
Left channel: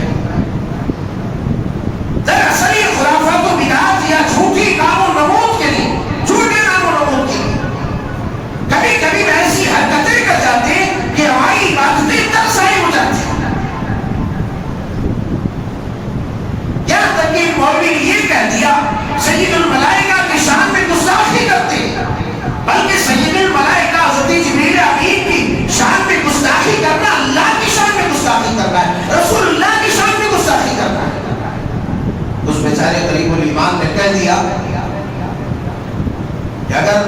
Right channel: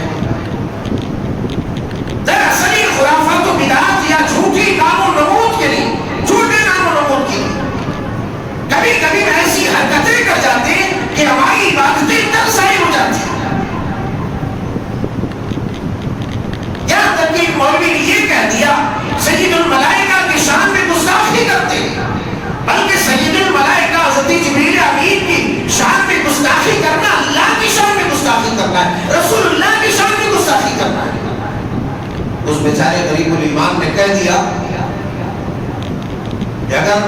دراصل یہ خرافات و بدعات یا جھوٹی نام و نمود کے لیے، جھوٹے نام و نمود کے لیے کبھی کبھی ایسی حرکتیں کر جاتے ہیں کہ ہماری عبادتیں تقسیم ہو جاتی ہیں۔ یہاں تک کہ مولوی نے یہ کہہ دیا سید الملائکہ کی شان میں گستاخی کرتے ہیں، بلکہ سید الملائکہ حضرت جبریل امین کی شان میں گستاخی کرنا اللہ کی شان میں گستاخی کرنا ہے، رسول اللہ کی شان میں گستاخی کرنا ہے۔ اس بیچارے غریب الایمان نے کہہ دیا کہ اگر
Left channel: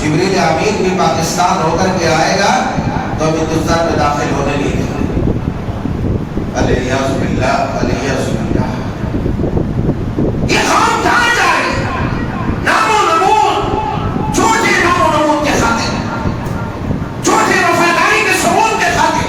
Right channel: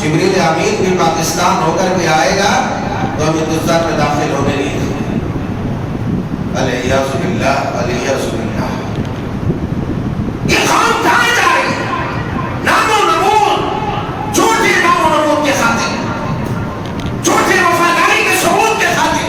جبریل امین بھی پاکستان ہو کر کے آئے گا تو ہم ہندوستان میں داخل ہونے نہیں دیں گے۔ الیاذ باللہ، الیاذ باللہ۔ یہ قوم کہاں جا رہی ہے؟ نام و نمود، جھوٹے نام و نمود کے خاطر، جھوٹے وفاداری کے ثبوت کے خاطر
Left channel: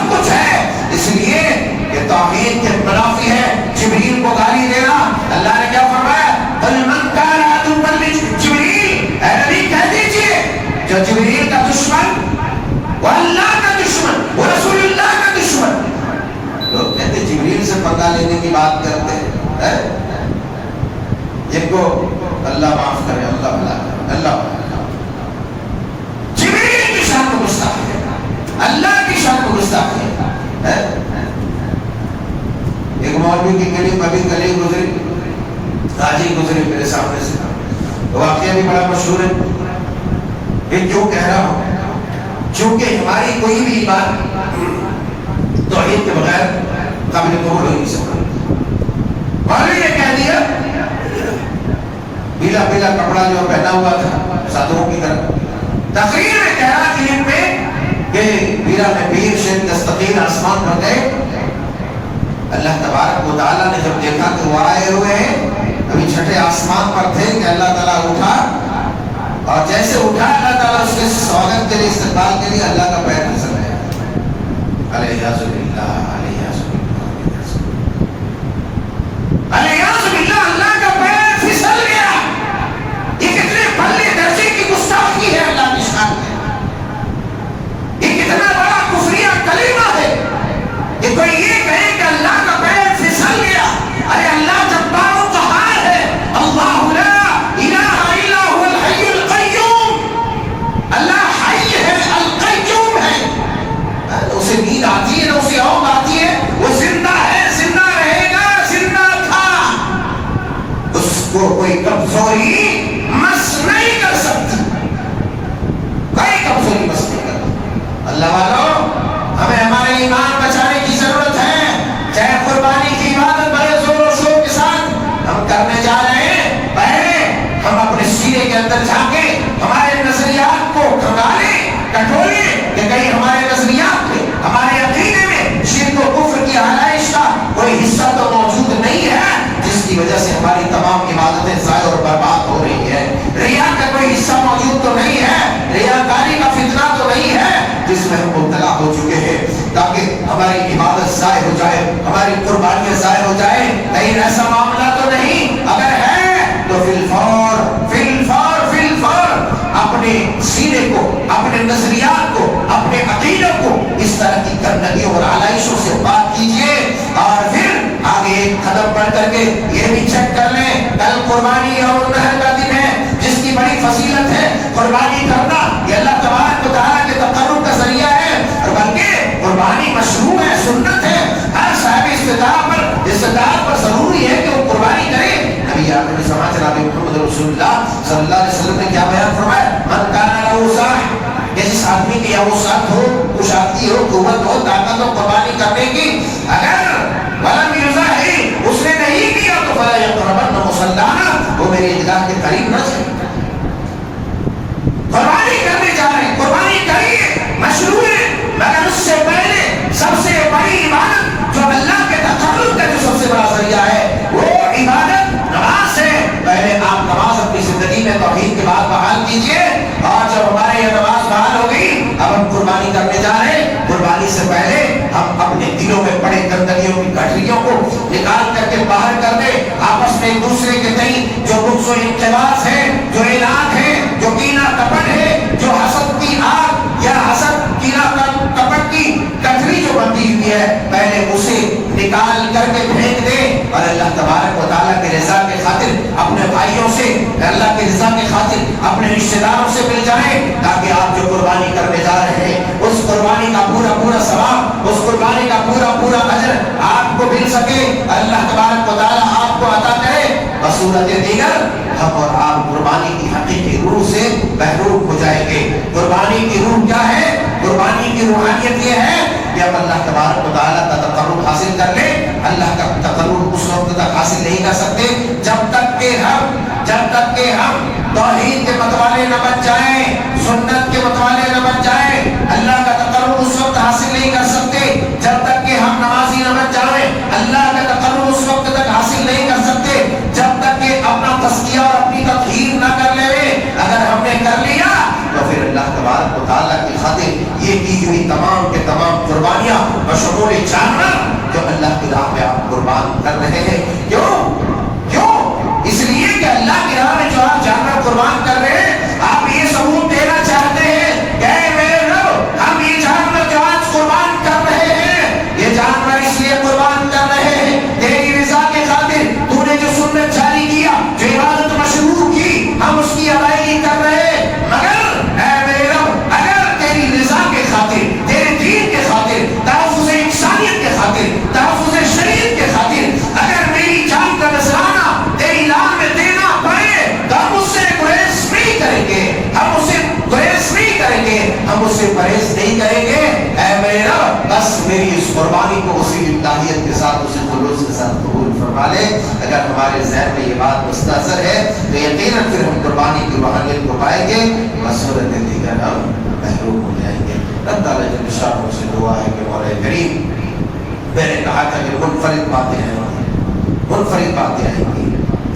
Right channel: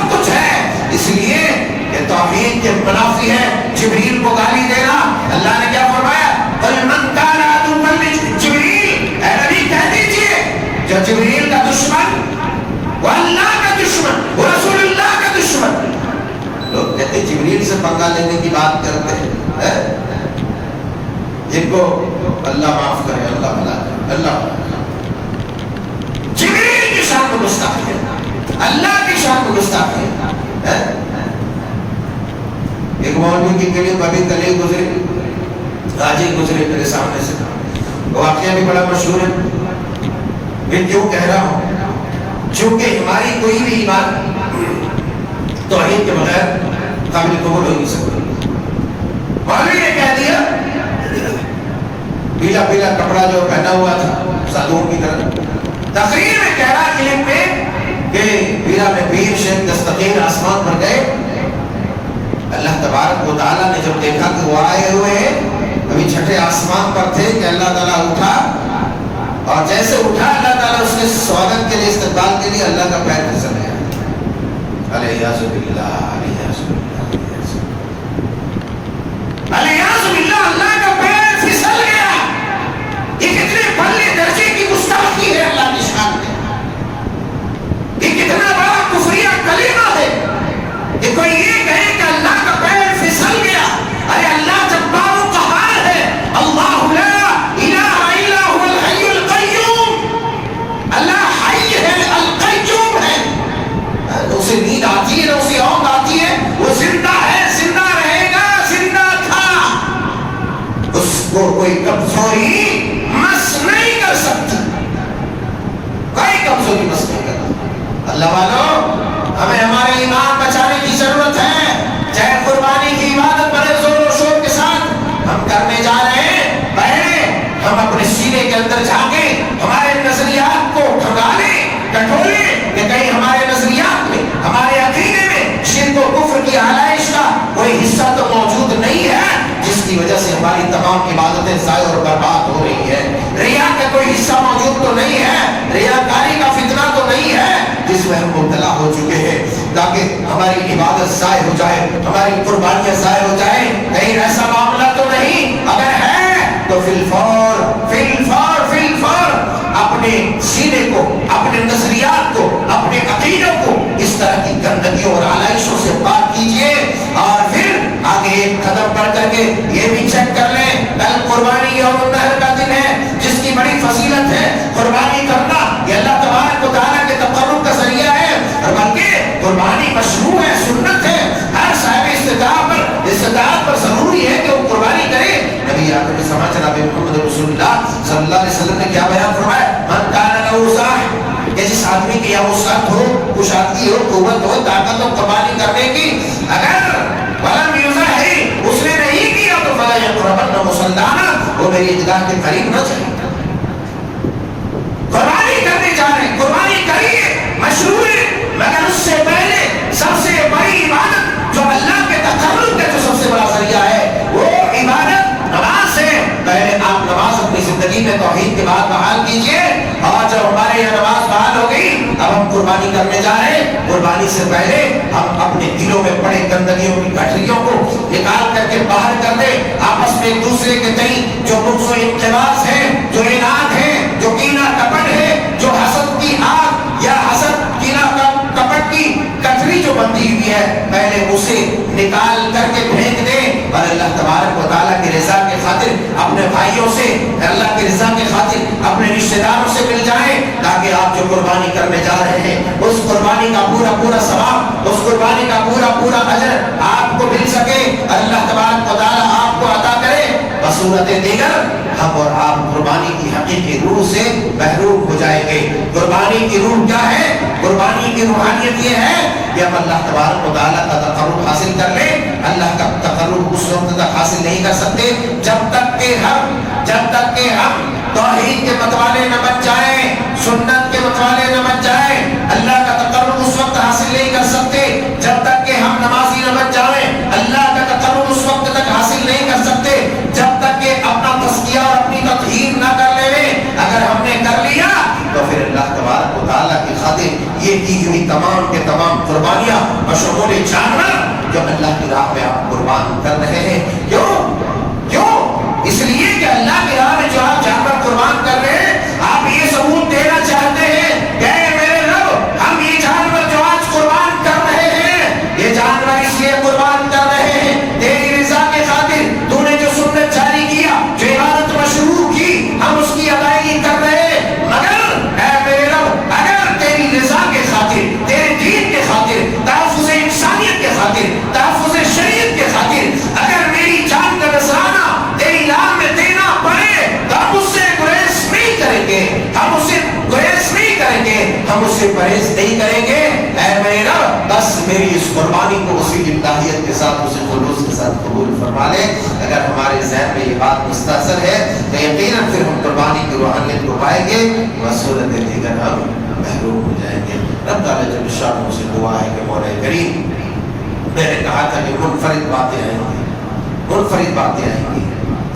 سب کچھ ہے، اس لیے کہ توحید کے منافی ہے جبریل کو گالی دینا۔ اللہ نے کیا فرمایا؟ قل من کان عدوا لجبریل، اے نبی کہہ دیجئے جو جبریل کا دشمن، وہ اللہ کا دشمن، وہ رسول اللہ کا دشمن۔ لوگ کہتے ہیں جبریل سے پنگا لینے کی بات کرتے ہیں، جن کو اللہ معاف کرے، اللہ بھلا کرے، اللہ جبریل کی شان کو گستاخی ہے، اللہ کی شان کو گستاخی ہے۔ ایک مولوی کی کلیم ابھی کل گزری، آج ہی گزری میرے سامنے سے، واقعہ بھی بڑا مشہور ہے۔ میں کیوں کہہ رہا ہوں؟ چونکہ ہماری کوئی بھی بات توحید کے بغیر قابل قبول ہو نہیں سکتا۔ مولوی نے کہہ دیا، پیلا پیلا کپڑا جو پہنا ہوا تھا سادھوؤں کی طرح، تقریر میں کہہ رہا کلپ میں کہ پیرا میں پیر شیخ دستگیر آسمان پر گئے، اللہ تبارک و تعالیٰ نے جب دیکھا کہ وہ آئے ہوئے ہیں، ابھی چھٹے آسمان پر تھے کہ اللہ تعالیٰ اٹھا، اور جیسے اٹھا اللہ تعالیٰ اس کے سواگت کے لیے، استقبال کے لیے اللہ کا پیر پھسل گیا۔ علیہ باللہ، علیہ باللہ، اللہ کا پیر پھسل گیا۔ یہ کتنے بڑے درجے کی گستاخی ہے اللہ کی شان میں، یہ کتنا بڑا کفریہ کلمہ ہے کہ کوئی یہ کہے کہ اللہ کا پیر پھسل گیا۔ ارے اللہ جبار و قہار ہے، اللہ لا الہ الا هو الحی القیوم، اللہ حی ہے، القیوم ہے، اسے نیند آتی ہے نہ اسے اونگ آتی ہے، وہ زندہ ہے، زندہ رہے گا، زندہ تھا، اس کو کوئی کمزوری مس نہیں کر سکتی، کوئی کمزوری مس نہیں کرتی۔ اللہ والوں، ہمیں ہمارے ایمان بچانے کی ضرورت ہے، چاہے قربانی کی عبادت بڑے زور و شور کے ساتھ ہم کرنے جا رہے ہیں، پہلے ہم اپنے سینے کے اندر جھانکیں، ہمارے نظریات کو کھنگالیں، ٹٹولیں کہ کہیں ہمارے نظریات میں، ہمارے عقیدے میں شرک و کفر کی آلائش کا کوئی حصہ تو موجود نہیں ہے جس کی وجہ سے ہماری تمام عبادتیں ضائع اور برباد ہو رہی ہے۔ ریا کا کوئی حصہ موجود تو نہیں ہے، ریاکاری کا فتنہ تو نہیں ہے جس میں ہم مبتلا ہو چکے ہیں، تاکہ ہماری عبادت ضائع ہو جائے، ہماری قربانیاں ضائع ہو جائیں۔ کہیں ایسا معاملہ تو نہیں؟ اگر ہے تو فی الفور اپنے سینے کو، اپنے نظریات کو، اپنے عقیدوں کو اس طرح کی گندگیوں اور آلائشوں سے پاک کیجئے، اور پھر آگے ایک قدم بڑھ کر کے یہ بھی چیک کر لیں، کل قربانی یوم النحر کا دن ہے جس کی بڑی فضیلت ہے۔ قربانی کرنا یہ اللہ تبارک و تعالیٰ کے تقرب کا ذریعہ ہے، اور بلکہ قربانی مشروع ہے، سنت ہے، ہر صاحب استطاعت پر ضروری ہے کہ وہ قربانی کرے۔ نبی آخر سماج جناب محمد رسول اللہ صلی اللہ علیہ وسلم نے کیا بیان فرمایا؟ من کان له سعی، کہ جس آدمی کی یا وسعت ہو، کشادگی ہو، قوت ہو، طاقت ہو قربانی کرنے کی، اگر ولم یضحی، اس نے نہیں کیا تو فلا یقربن مصلانا، وہ میری عیدگاہ کے قریب نہ جائے۔ قربانی کرنے جا رہے ہیں، قربانی کریے، مشروع ہے، مگر اس سے پہلے سب سے بڑی عبادت جو اللہ کے تقرب کا جو سب سے بڑا ذریعہ ہے وہ عبادت نماز ہے۔ پہلے آپ نماز اپنی زندگی میں توحید کے بعد بحال کیجئے، اور جب ہمارے یہاں نماز بحال ہو گئی اب ہم قربانی کرنے جا رہے ہیں۔ قربانی سے پہلے ہم اپنے دلوں میں پڑے گندگیوں کی گٹھریوں کو نکال کر کے باہر کر دیں، آپس میں ایک دوسرے کے تئیں جو بغض و انقباض ہے، جو عناد ہے، جو کینہ کپٹ ہے، جو حسد کی آگ یا حسد کینہ کپٹ کی گٹھری جو بندھی ہوئی ہے، پہلے اسے نکال کر کے پھینک دیں، اور اللہ تبارک و تعالیٰ کی رضا کے خاطر اپنے بھائیوں سے، اللہ کی رضا کے خاطر اپنے رشتہ داروں سے مل جائیں، تاکہ آپ جو قربانی کرنے جا رہے ہیں اس قربانی کا پورا ثواب، اس قربانی کا پورا اجر آپ کو مل سکے، اللہ تبارک و تعالیٰ آپ کو عطا کرے۔ بصورت دیگر ہم اور آپ قربانی کی حقیقی روح سے محروم ہو جائیں گے۔ قربانی کی روح کیا ہے؟ قربانی کی روحانیت یہ ہے کہ ہم اللہ تبارک و تعالیٰ کا تقرب حاصل کر لیں۔ اللہ کا تقرب اس وقت تک حاصل نہیں کر سکتے جب تک کہ ہم توحید کے متوالے نہ بن جائیں، سنت کے متوالے نہ بن جائیں۔ اللہ کا تقرب اس وقت حاصل نہیں کر سکتے جب تک کہ ہم نمازی نہ بن جائیں۔ اللہ کا تقرب اس وقت تک حاصل نہیں کر سکتے جب تک کہ اپنا تزکیہ اور اپنی تطہیر نہ کر لے۔ اگر ہم نے کر لیا تو پھر اللہ تبارک و تعالیٰ کی خاطر یہ کی ہوئی تمام کے تمام قربانیاں بشمول جانور جو اللہ کی راہ میں آپ قربان کر رہے ہیں. کیوں؟ اس لیے کہ اللہ کی راہ میں جو آپ جانور قربان کر رہے ہیں, آپ یہ ثبوت دینا چاہتے ہیں کہ اے میرے رب, ہم یہ جانور جو آج قربان کر رہے ہیں, یہ جانور اس لیے قربان کر رہے ہیں تیری رضا کے خاطر. تو نے جو سنت جاری کیا, جو عبادت مشروع کی, ہم اس کی ادائیگی کر رہے ہیں. مگر اے میرے رب, اگر تیری رضا کے خاطر, تیرے دین کے خاطر, تحفظ انسانیت کے خاطر, تحفظ شریعت کے خاطر اگر میری جان کا نذرانہ تیری راہ میں دینا پڑے تو ہم اس سے گریز نہیں کریں گے, ہم اسے گریز نہیں کریں گے, ہم اسے پرہیز نہیں کریں گے. اے میرے رب, بس میری اس قربانی کو اسی ابتدائیت کے ساتھ, اسی خلوص کے ساتھ قبول فرما لے. اگر ہمارے ذہن میں یہ بات مستحضر ہے تو یقیناً پھر ہم قربانی کی روحانیت کو پائیں گے, مسورت دیگر ہم محروم ہو جائیں گے. رب تعالیٰ جل شانہ سے دعا ہے کہ مولا کریم, میں نے کہا تھا کہ منفرد باتیں آئیں گی.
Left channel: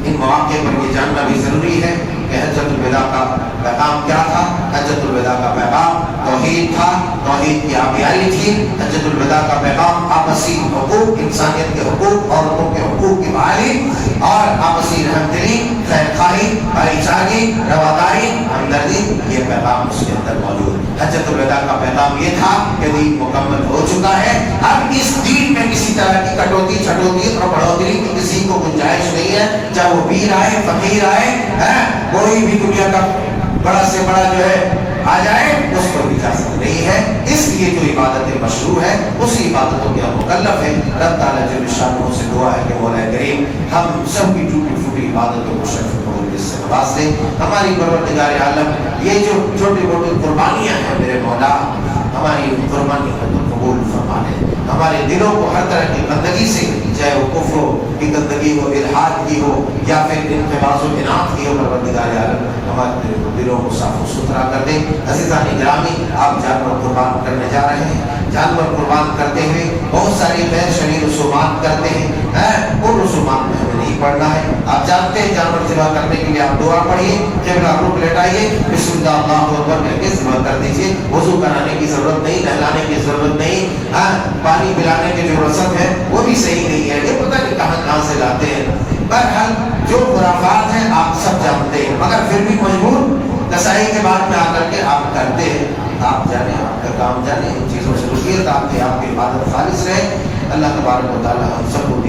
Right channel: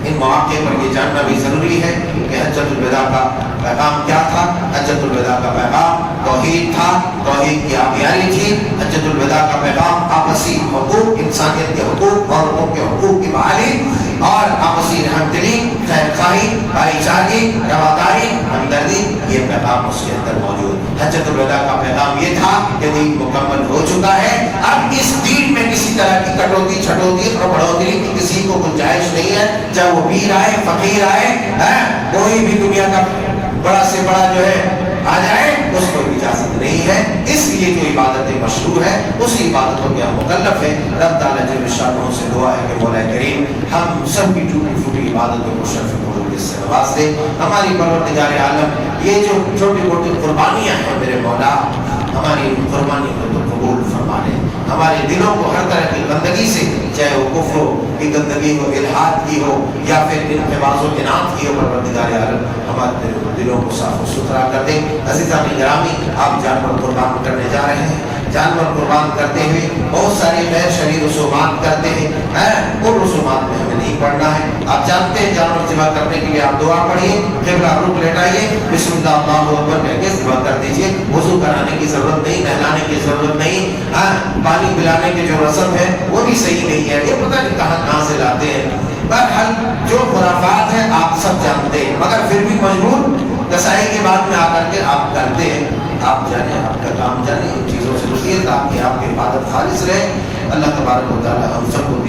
ان مواقع پر یہ جاننا بھی ضروری ہے کہ حجۃ الوداع کا پیغام کیا تھا. حجۃ الوداع کا پیغام توحید تھا, توحید کی آبیاری تھی. حجۃ الوداع کا پیغام آپسی حقوق, انسانیت کے حقوق, عورتوں کے حقوق کی بحالی اور آپسی رحمدلی, خیر خواہی, بھائی چارگی, رواداری, ہمدردی, یہ پیغام اس کے اندر موجود. حجۃ الوداع کا پیغام یہ تھا کہ دین مکمل ہو چکا ہے, اب اس دین میں کسی طرح کی کٹوتی, چھٹوتی اور بڑھوتری کی کسی کو گنجائش نہیں ہے. چاہے وہ پیر آئے, فقیر آئے, کوئی بھی دنیا کا بڑا سے بڑا جو ہے آ جائے, اس کو اجازت نہیں ہے. اس لیے جو عبادتیں مشروع ہے اسی عبادتوں کے ہم مکلف ہیں. رب تعالیٰ جل شانہ سے دعا ہے کہ مولا کریم ہم سب کی ٹوٹی پھوٹی عبادتوں کو شرف قبول سے نواز دے. ہماری پروردگار عالم, یہ جو چھوٹی موٹی قربانیاں ہیں میرے مولا, ہماری ان قربانیوں کو تو قبول فرما لے. ہمارے دلوں کو ہر طرح کی گندگی سے, چاہے وہ کفر کی گندگی ہو, الحاد کی ہو, یا پھر انقباض و انعام کی ہو, پروردگار عالم ہمارے دلوں کو صاف و ستھرا کر دے. عزیزان گرامی, آپ جانور قربان کرنے جا رہے ہیں. جانور قربان کرتے ہوئے بہت ساری غیر شرعی رسومات کرتے ہیں, ان رسومات میں ہمیں نہیں پڑھنا ہے. آپ جانتے ہیں جانور ذبح کرنے کے لیے آپ دعا پڑھیے, قبلہ رخ لیٹائیے, بسم اللہ اللہ اکبر کہہ کے ذبح کر دیجیے. وضو کرانے کی ضرورت نہیں, نہلانے کی ضرورت نہیں, پانی پلانے کے جو رسم ہے وہ بھی صحیح نہیں ہے. یہ پتہ نہیں کہاں سے لاتے ہیں. بہرحال جو خرافات ہیں آپ سب جانتے ہیں, مگر پھر بھی مجبور کسائی کے بعد میں آ کر کے آپ کرتے ہیں. آپ جانیں, آپ کا کام جانیں, ان چیزوں سے رکیے تاکہ آپ کی عبادت خالص رہے. اللہ تبارک و تعالی ہم سب کو